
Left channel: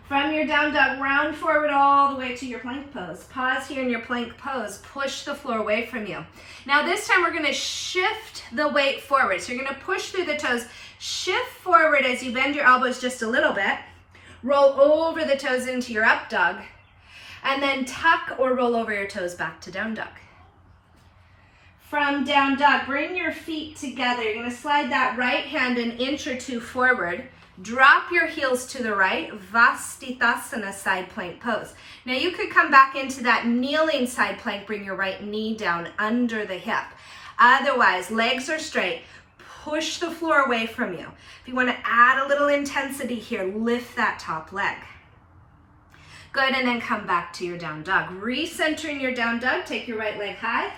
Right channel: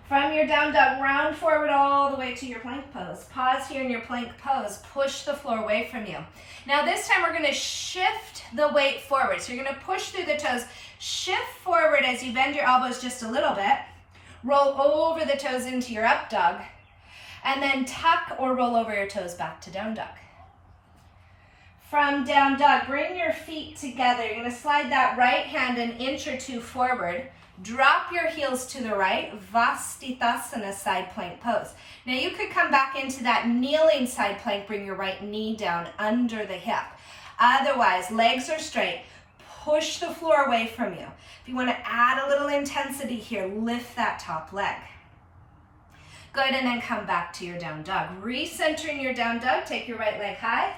From your down dog, round forward all the way to your plank pose. Pause here in your plank pose. Push the floor away from you. Now this time we're going to shift the weight forward. So you're going to push through the toes. Shift forward as you bend your elbows just a little bit. Roll over the toes into your up dog. And then tuck or roll over your toes back to down dog. From down dog, bring your feet together. You're going to slide that right hand an inch or two forward. Drop your heels to the right, Tadasana side plank pose. Now you could come back into that kneeling side plank, bring your right knee down under the hip. Otherwise, legs are straight, push the floor away from you. If you want to add a little intensity here, lift that top leg. Good, and then come back to your down dog. Recentering your down dog, take your right leg high.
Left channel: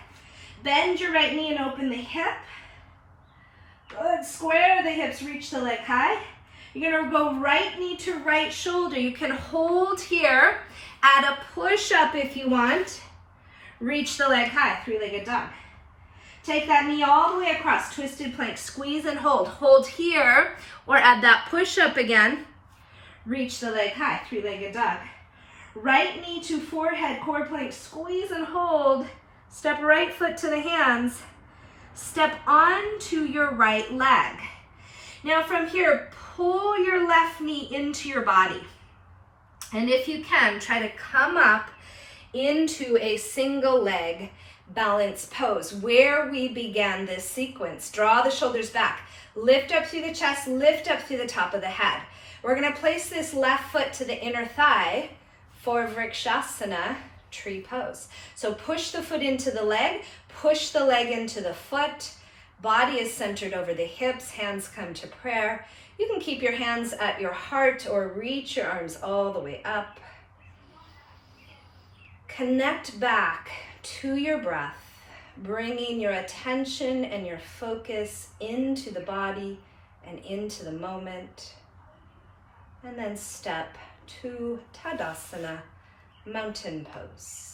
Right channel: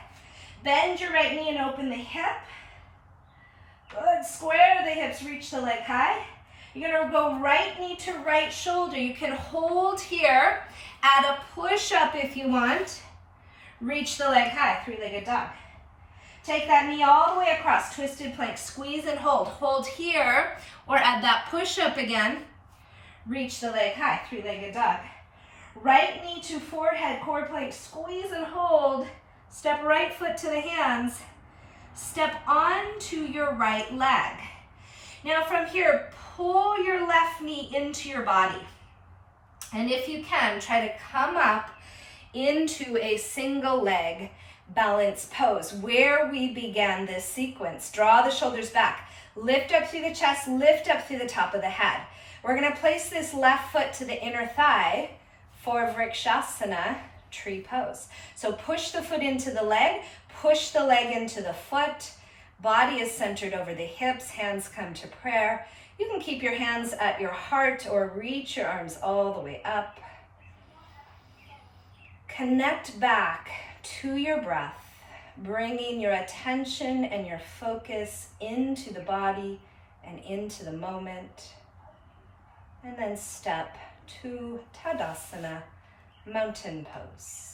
Bend your right knee and open the hip. Good, square the hips, reach the leg high. You're going to go right knee to right shoulder. You can hold here, add a push-up if you want. Reach the leg high, three-legged dog. Take that knee all the way across, twisted plank. Squeeze and hold. Hold here, or add that push-up again. Reach the leg high, three-legged dog. Right knee to forehead, core plank. Squeeze and hold. Step right foot to the hands. Step onto your right leg. Now from here, pull your left knee into your body. And if you can, try to come up into a single leg balance pose where we began this sequence. Draw the shoulders back. Lift up through the chest, lift up through the top of the head. We're going to place this left foot to the inner thigh for Vrikshasana, tree pose. So push the foot into the leg, push the leg into the foot. Body is centered over the hips, hands come to prayer. You can keep your hands at your heart or reach your arms all the way up. Connect back to your breath, bringing your attention and your focus into the body and into the moment. And then step to Tadasana, mountain pose.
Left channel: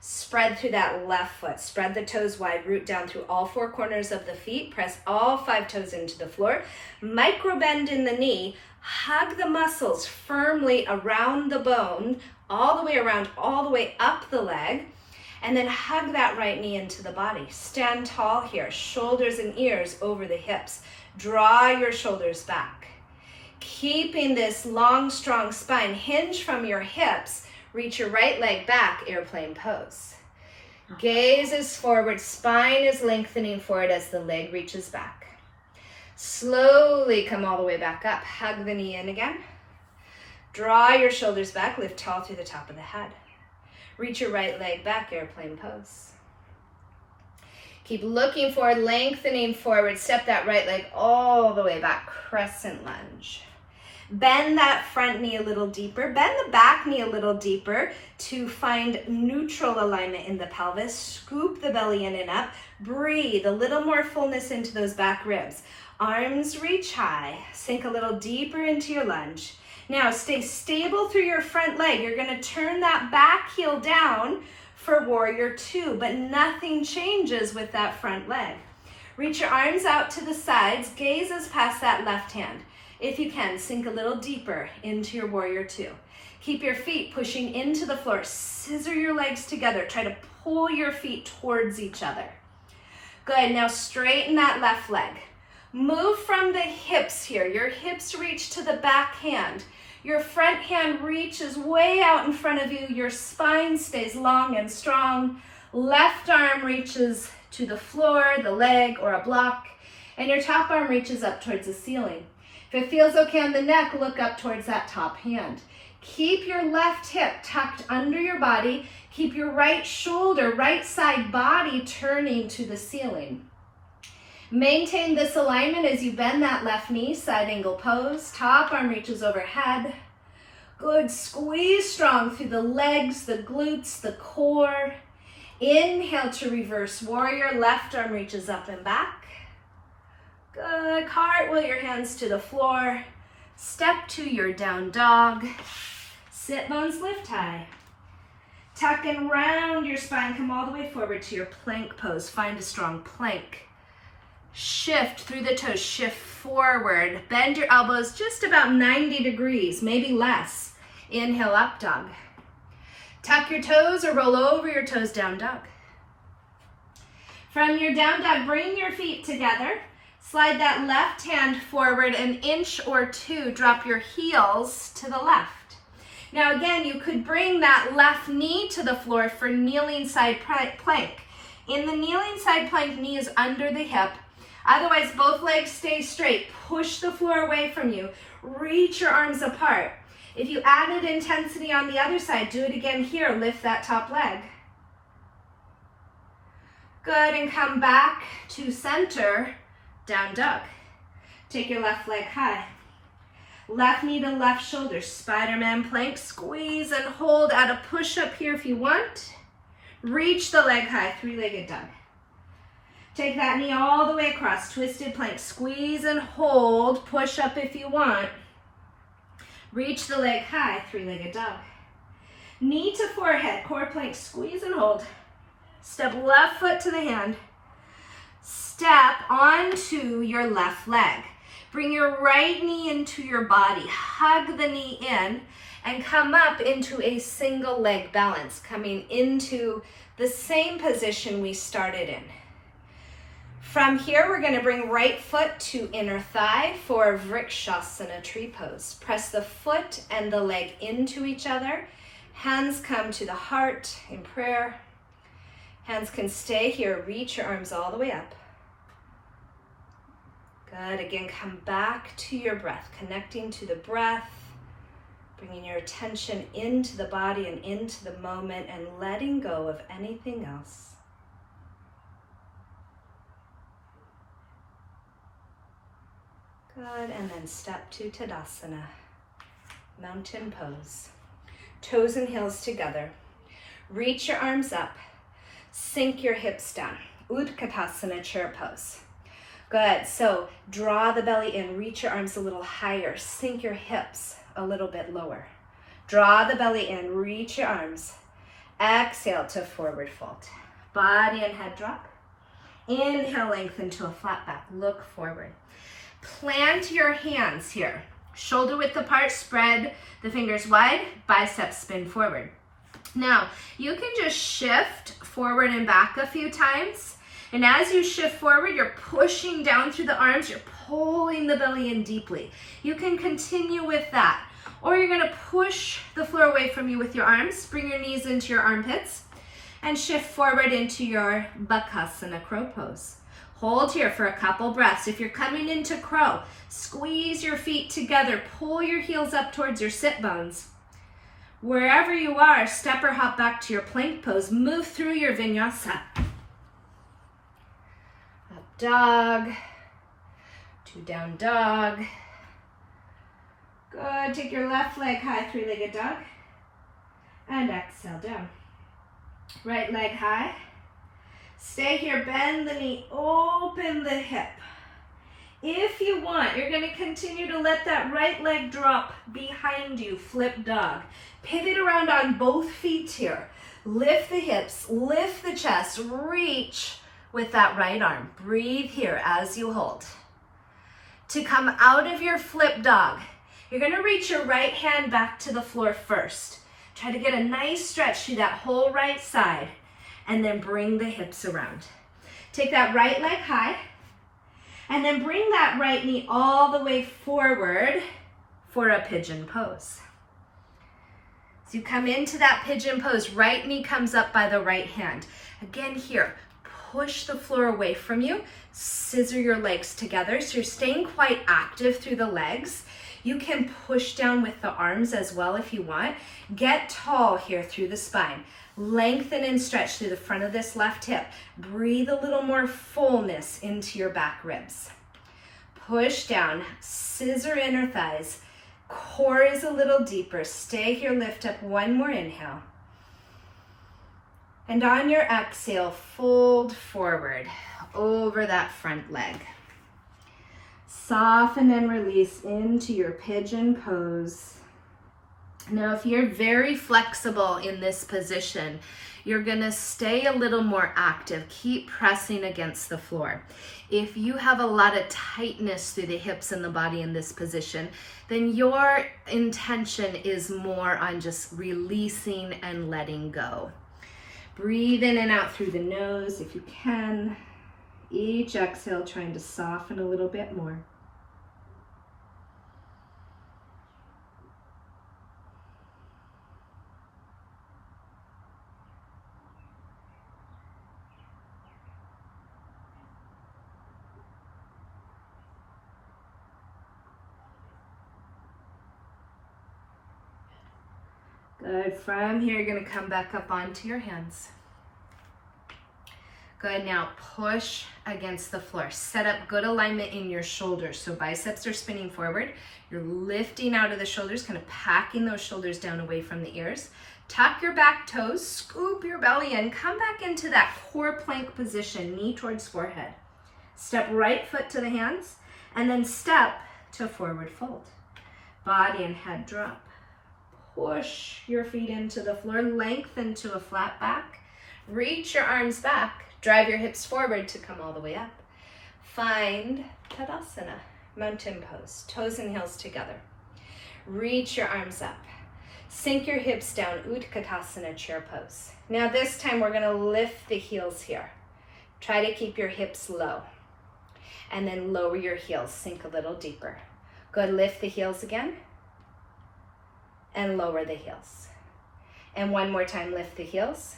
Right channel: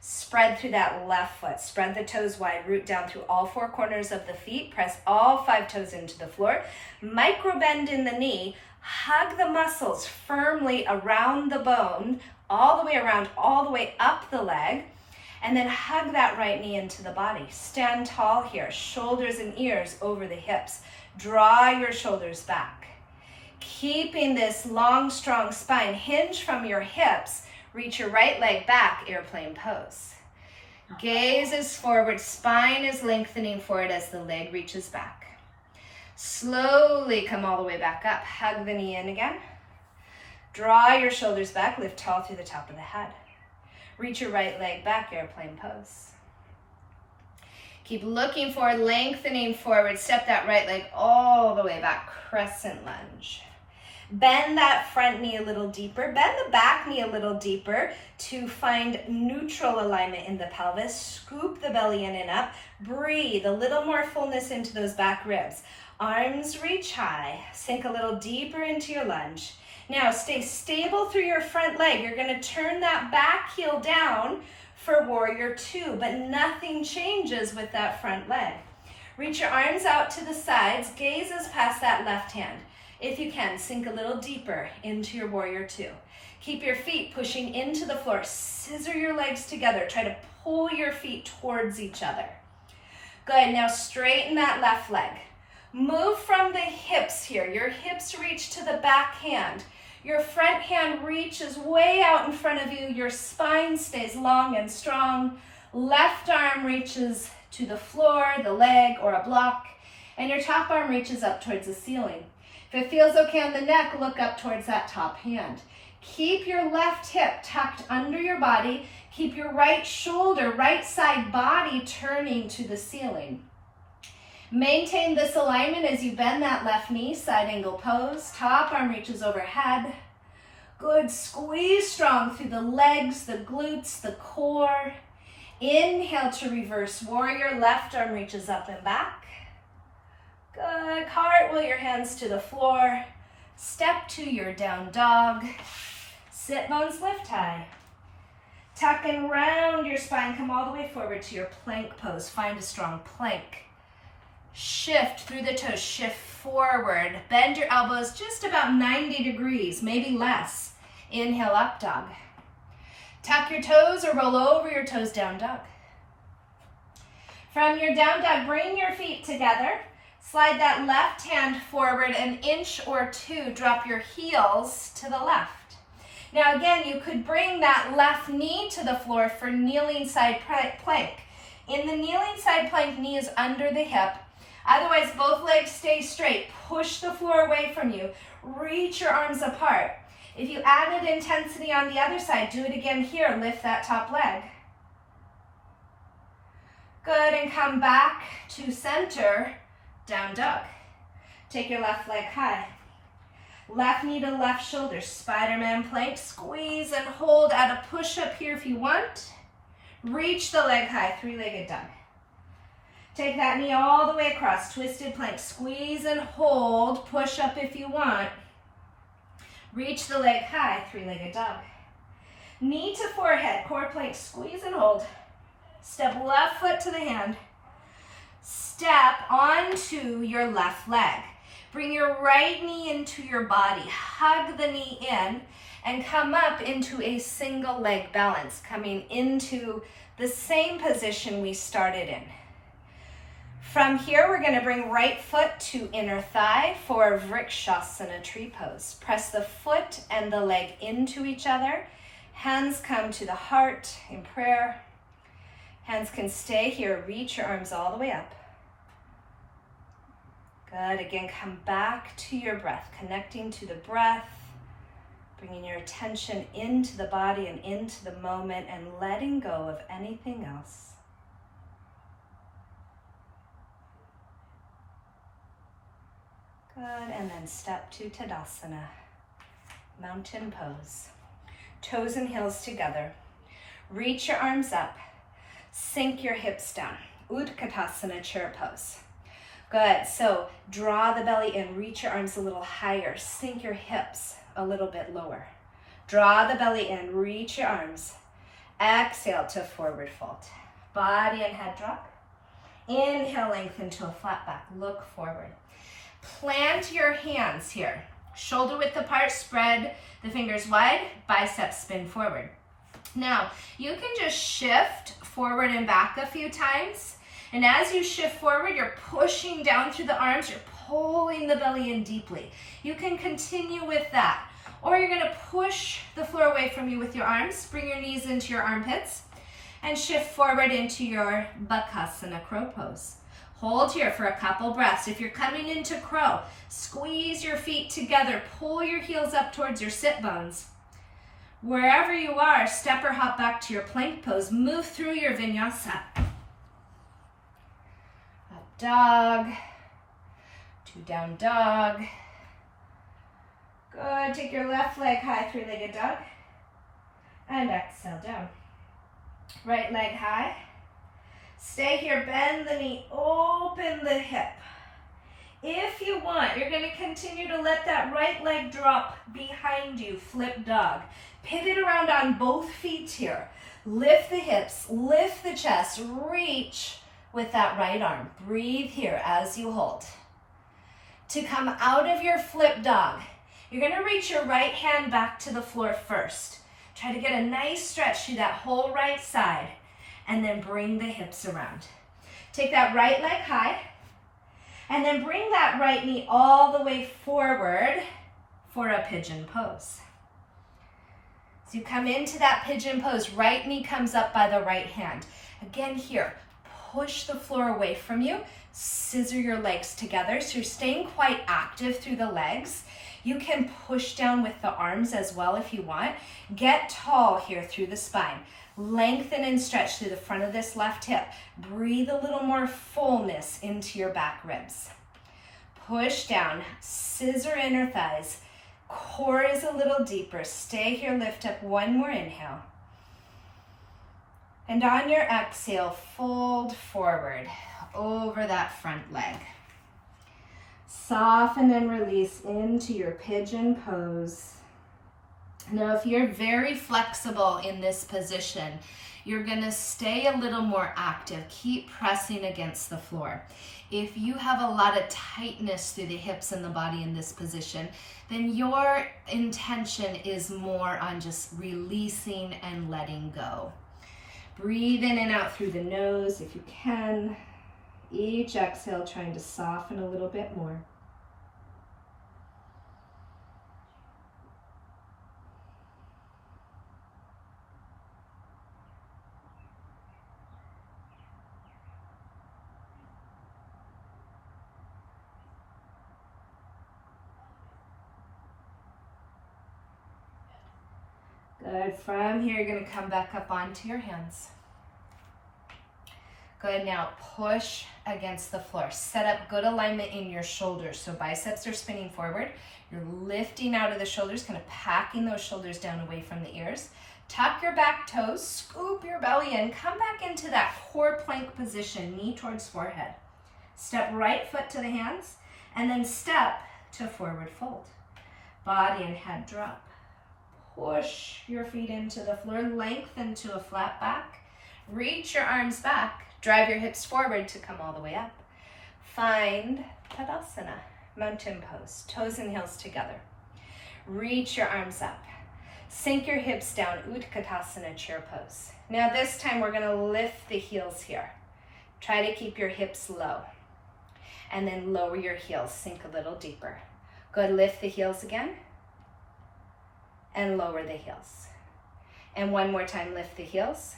Spread through that left foot. Spread the toes wide, root down through all four corners of the feet. Press all 5 toes into the floor. Micro bend in the knee. Hug the muscles firmly around the bone, all the way around, all the way up the leg. And then hug that right knee into the body. Stand tall here, shoulders and ears over the hips. Draw your shoulders back. Keeping this long, strong spine, hinge from your hips. Reach your right leg back, airplane pose. Gaze is forward, spine is lengthening forward as the leg reaches back. Slowly come all the way back up. Hug the knee in again. Draw your shoulders back, lift tall through the top of the head. Reach your right leg back, airplane pose. Keep looking forward, lengthening forward. Step that right leg all the way back, crescent lunge. Bend that front knee a little deeper. Bend the back knee a little deeper to find neutral alignment in the pelvis. Scoop the belly in and up. Breathe a little more fullness into those back ribs. Arms reach high. Sink a little deeper into your lunge. Now stay stable through your front leg. You're going to turn that back heel down for warrior 2, but nothing changes with that front leg. Reach your arms out to the sides. Gazes past that left hand. If you can, sink a little deeper into your warrior 2. Keep your feet pushing into the floor. Scissor your legs together. Try to pull your feet towards each other. Good, now straighten that left leg. Move from the hips here. Your hips reach to the back hand. Your front hand reaches way out in front of you. Your spine stays long and strong. Left arm reaches to the floor, the leg, or a block. And your top arm reaches up towards the ceiling. If it feels okay on the neck, look up towards that top hand. Keep your left hip tucked under your body. Keep your right shoulder, right side body turning to the ceiling. Maintain this alignment as you bend that left knee, side angle pose. Top arm reaches overhead. Good, squeeze strong through the legs, the glutes, the core. Inhale to reverse warrior, left arm reaches up and back. Good, cartwheel your hands to the floor. Step to your down dog. Sit bones lift high. Tuck and round your spine, come all the way forward to your plank pose. Find a strong plank. Shift through the toes, shift forward. Bend your elbows just about 90 degrees, maybe less. Inhale, up dog. Tuck your toes or roll over your toes, down dog. From your down dog, bring your feet together. Slide that left hand forward an inch or two. Drop your heels to the left. Now again, you could bring that left knee to the floor for kneeling side plank. In the kneeling side plank, knee is under the hip. Otherwise, both legs stay straight. Push the floor away from you. Reach your arms apart. If you added intensity on the other side, do it again here. Lift that top leg. Good, and come back to center, down dog. Take your left leg high. Left knee to left shoulder, Spider-Man plank. Squeeze and hold. Add a push-up here if you want. Reach the leg high, three-legged dog. Take that knee all the way across, twisted plank. Squeeze and hold, push up if you want. Reach the leg high, three-legged dog. Knee to forehead, core plank, squeeze and hold. Step left foot to the hand. Step onto your left leg. Bring your right knee into your body. Hug the knee in and come up into a single leg balance, coming into the same position we started in. From here, we're going to bring right foot to inner thigh for Vrikshasana tree pose. Press the foot and the leg into each other. Hands come to the heart in prayer. Hands can stay here. Reach your arms all the way up. Good. Again, come back to your breath, connecting to the breath, bringing your attention into the body and into the moment and letting go of anything else. Good, and then step to Tadasana, mountain pose. Toes and heels together. Reach your arms up. Sink your hips down. Utkatasana chair pose. Good, so draw the belly in. Reach your arms a little higher. Sink your hips a little bit lower. Draw the belly in. Reach your arms. Exhale to forward fold. Body and head drop. Inhale, lengthen to a flat back. Look forward. Plant your hands here. Shoulder width apart, spread the fingers wide, biceps spin forward. Now, you can just shift forward and back a few times. And as you shift forward, you're pushing down through the arms, you're pulling the belly in deeply. You can continue with that. Or you're gonna push the floor away from you with your arms, bring your knees into your armpits, and shift forward into your Bakasana crow pose. Hold here for a couple breaths. If you're coming into crow, squeeze your feet together, pull your heels up towards your sit bones. Wherever you are, step or hop back to your plank pose. Move through your vinyasa. Up dog, to down dog. Good, take your left leg high, three-legged dog. And exhale down. Right leg high. Stay here, bend the knee, open the hip. If you want, you're going to continue to let that right leg drop behind you, flip dog. Pivot around on both feet here. Lift the hips, lift the chest, reach with that right arm. Breathe here as you hold. To come out of your flip dog, you're going to reach your right hand back to the floor first. Try to get a nice stretch through that whole right side. and then bring the hips around. Take that right leg high, and then bring that right knee all the way forward for a pigeon pose. So you come into that pigeon pose, right knee comes up by the right hand. Again here, push the floor away from you, scissor your legs together so you're staying quite active through the legs. You can push down with the arms as well if you want. Get tall here through the spine. Lengthen and stretch through the front of this left hip. Breathe a little more fullness into your back ribs. Push down, scissor inner thighs. Core is a little deeper. Stay here, lift up one more inhale. And on your exhale, fold forward over that front leg. Soften and release into your pigeon pose. Now, if you're very flexible in this position, you're gonna stay a little more active. Keep pressing against the floor. If you have a lot of tightness through the hips and the body in this position, then your intention is more on just releasing and letting go. Breathe in and out through the nose if you can. Each exhale, trying to soften a little bit more. Good. From here, you're going to come back up onto your hands. Good. Now push against the floor. Set up good alignment in your shoulders. So biceps are spinning forward. You're lifting out of the shoulders, kind of packing those shoulders down away from the ears. Tuck your back toes, scoop your belly in, come back into that core plank position, knee towards forehead. Step right foot to the hands, and then step to forward fold. Body and head drop. Push your feet into the floor, lengthen to a flat back. Reach your arms back, drive your hips forward to come all the way up. Find Tadasana, mountain pose, toes and heels together. Reach your arms up. Sink your hips down, Utkatasana, chair pose. Now this time we're gonna lift the heels here. Try to keep your hips low. And then lower your heels, sink a little deeper. Good, lift the heels again. And lower the heels. And one more time, lift the heels.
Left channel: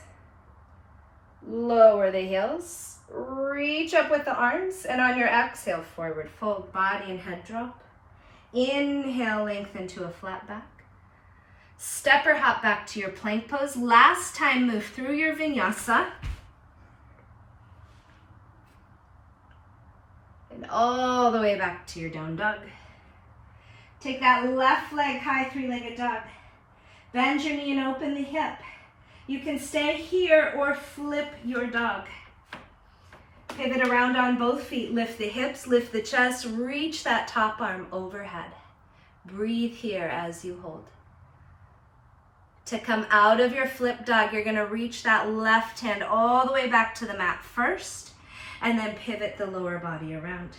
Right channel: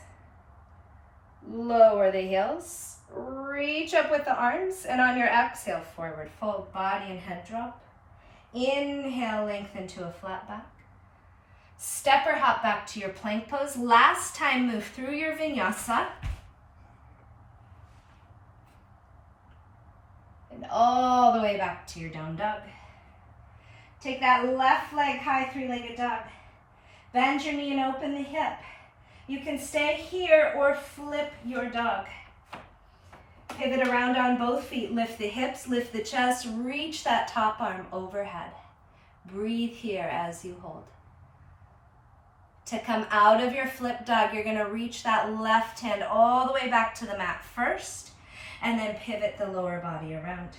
Lower the heels. Reach up with the arms, and on your exhale, forward fold, body and head drop. Inhale, lengthen to a flat back. Step or hop back to your plank pose. Last time, move through your vinyasa. And all the way back to your down dog. Take that left leg high, three-legged dog. Bend your knee and open the hip. You can stay here or flip your dog. Pivot around on both feet. Lift the hips, lift the chest, reach that top arm overhead. Breathe here as you hold. To come out of your flip dog, you're gonna reach that left hand all the way back to the mat first, and then pivot the lower body around.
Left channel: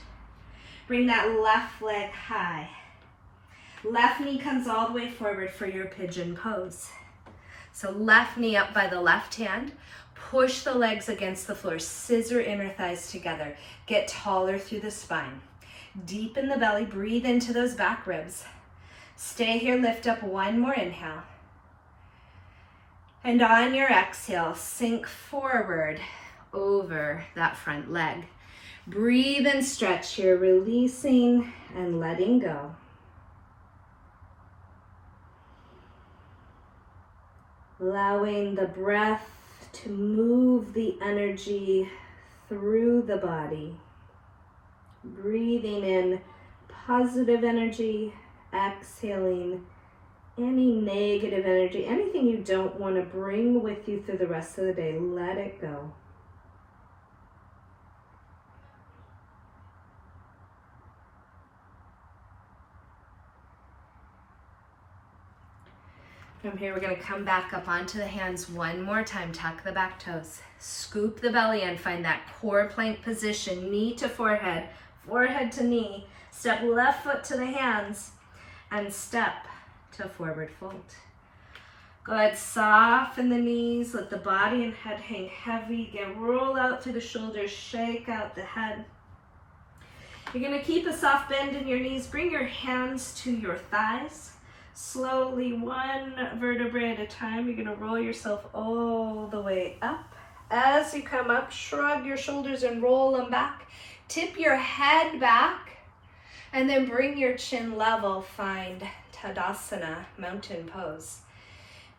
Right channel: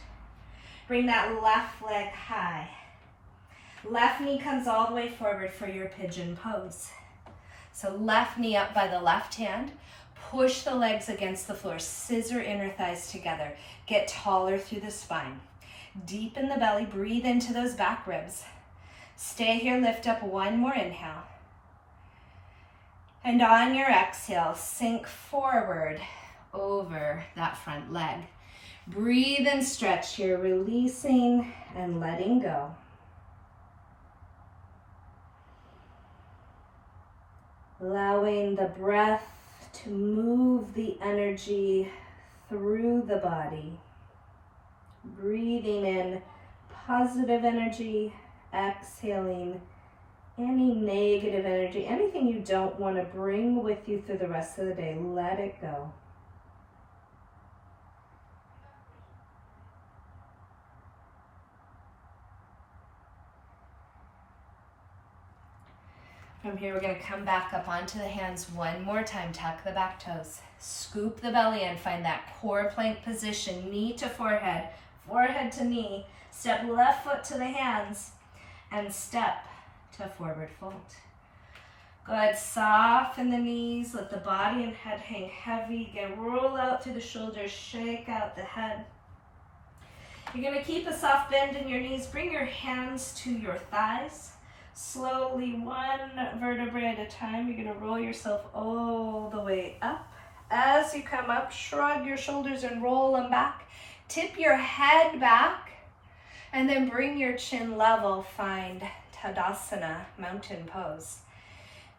Bring that left leg high. Left knee comes all the way forward for your pigeon pose. So left knee up by the left hand. Push the legs against the floor. Scissor inner thighs together. Get taller through the spine. Deepen the belly. Breathe into those back ribs. Stay here. Lift up one more inhale. And on your exhale, sink forward over that front leg. Breathe and stretch here, releasing and letting go. Allowing the breath to move the energy through the body. Breathing in positive energy, exhaling any negative energy, anything you don't want to bring with you through the rest of the day, let it go. From here, we're going to come back up onto the hands one more time. Tuck the back toes. Scoop the belly in. Find that core plank position. Knee to forehead. Forehead to knee. Step left foot to the hands. And step to forward fold. Good, soften the knees, let the body and head hang heavy. Again, roll out through the shoulders, shake out the head. You're gonna keep a soft bend in your knees. Bring your hands to your thighs. Slowly, one vertebrae at a time, you're gonna roll yourself all the way up. As you come up, shrug your shoulders and roll them back. Tip your head back, and then bring your chin level. Find Tadasana, mountain pose.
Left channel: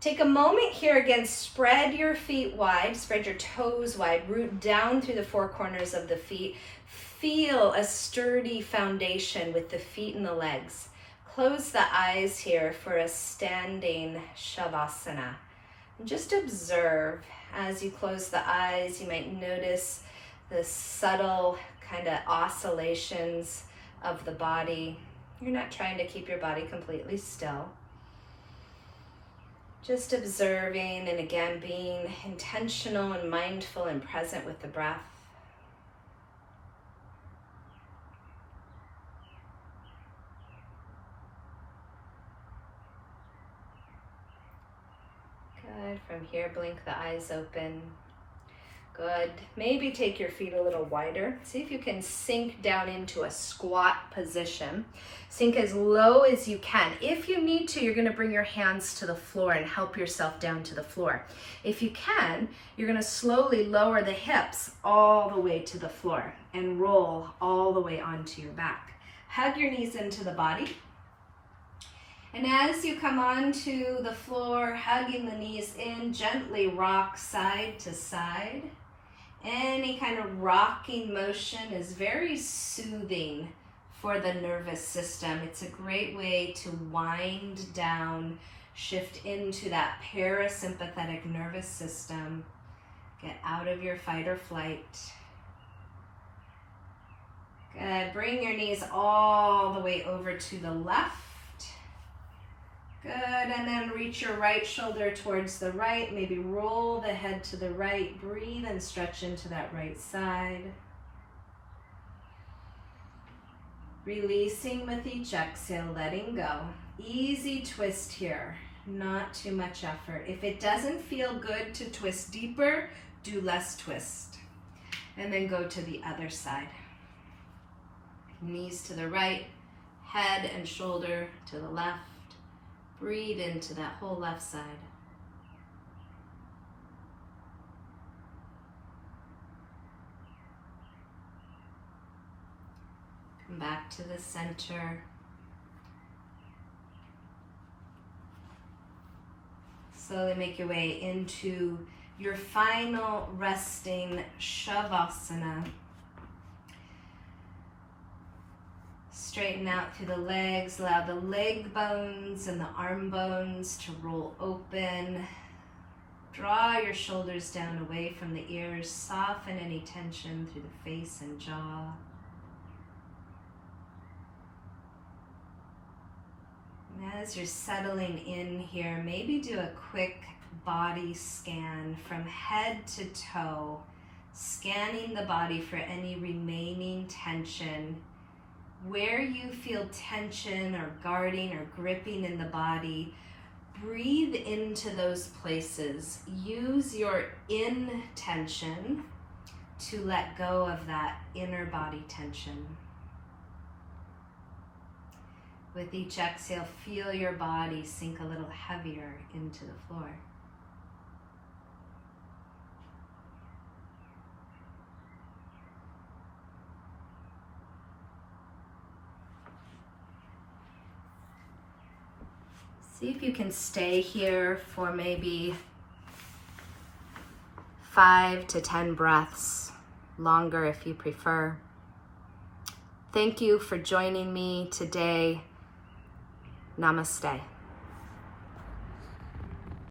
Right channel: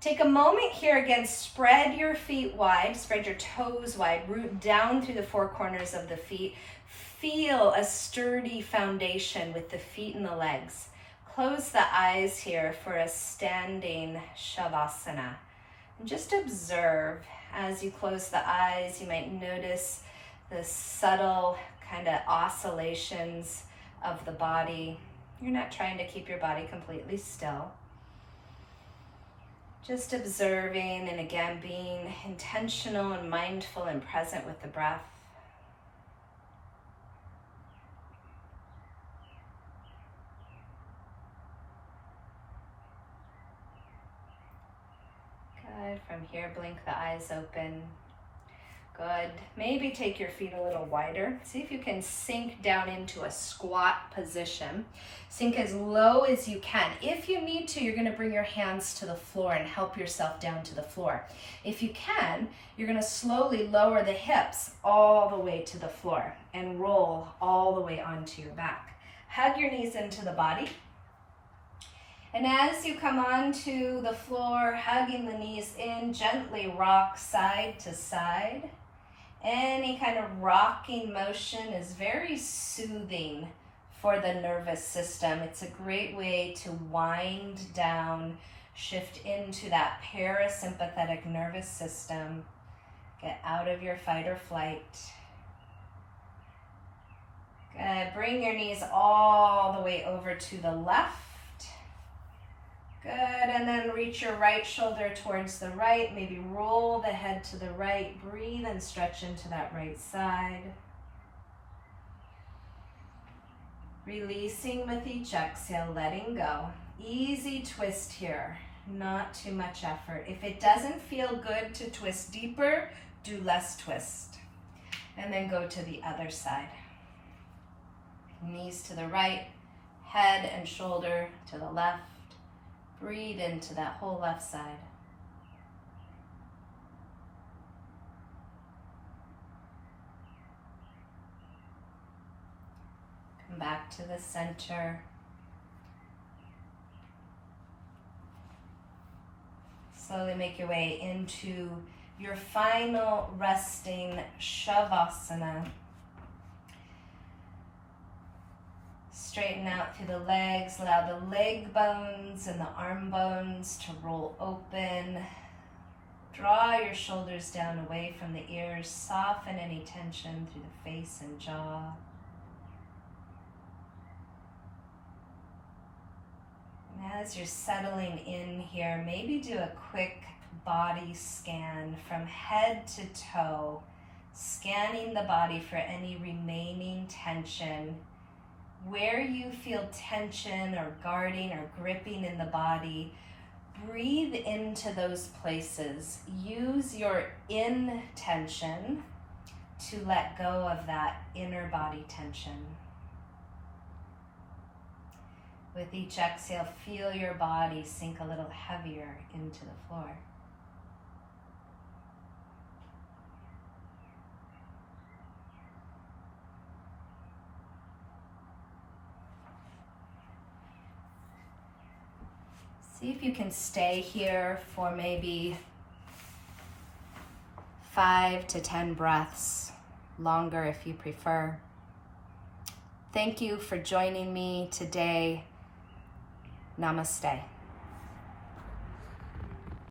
Take a moment here again, spread your feet wide, spread your toes wide, root down through the four corners of the feet. Feel a sturdy foundation with the feet and the legs. Close the eyes here for a standing Shavasana. And just observe as you close the eyes. You might notice the subtle kind of oscillations of the body. You're not trying to keep your body completely still. Just observing and again being intentional and mindful and present with the breath. Good. From here, blink the eyes open. Good. Maybe take your feet a little wider. See if you can sink down into a squat position. Sink as low as you can. If you need to, you're going to bring your hands to the floor and help yourself down to the floor. If you can, you're going to slowly lower the hips all the way to the floor and roll all the way onto your back. Hug your knees into the body. And as you come onto the floor, hugging the knees in, gently rock side to side. Any kind of rocking motion is very soothing for the nervous system. It's a great way to wind down, shift into that parasympathetic nervous system. Get out of your fight or flight. Good. Bring your knees all the way over to the left. Good, and then reach your right shoulder towards the right. Maybe roll the head to the right. Breathe and stretch into that right side. Releasing with each exhale, letting go. Easy twist here, not too much effort. If it doesn't feel good to twist deeper, do less twist. And then go to the other side. Knees to the right, head and shoulder to the left. Breathe into that whole left side. Come back to the center. Slowly make your way into your final resting Shavasana. Straighten out through the legs, allow the leg bones and the arm bones to roll open. Draw your shoulders down away from the ears, soften any tension through the face and jaw. And as you're settling in here, maybe do a quick body scan from head to toe, scanning the body for any remaining tension. Where you feel tension or guarding or gripping in the body, breathe into those places. Use your intention to let go of that inner body tension. With each exhale, feel your body sink a little heavier into the floor. See if you can stay here for maybe 5 to 10 breaths, longer if you prefer. Thank you for joining me today. Namaste.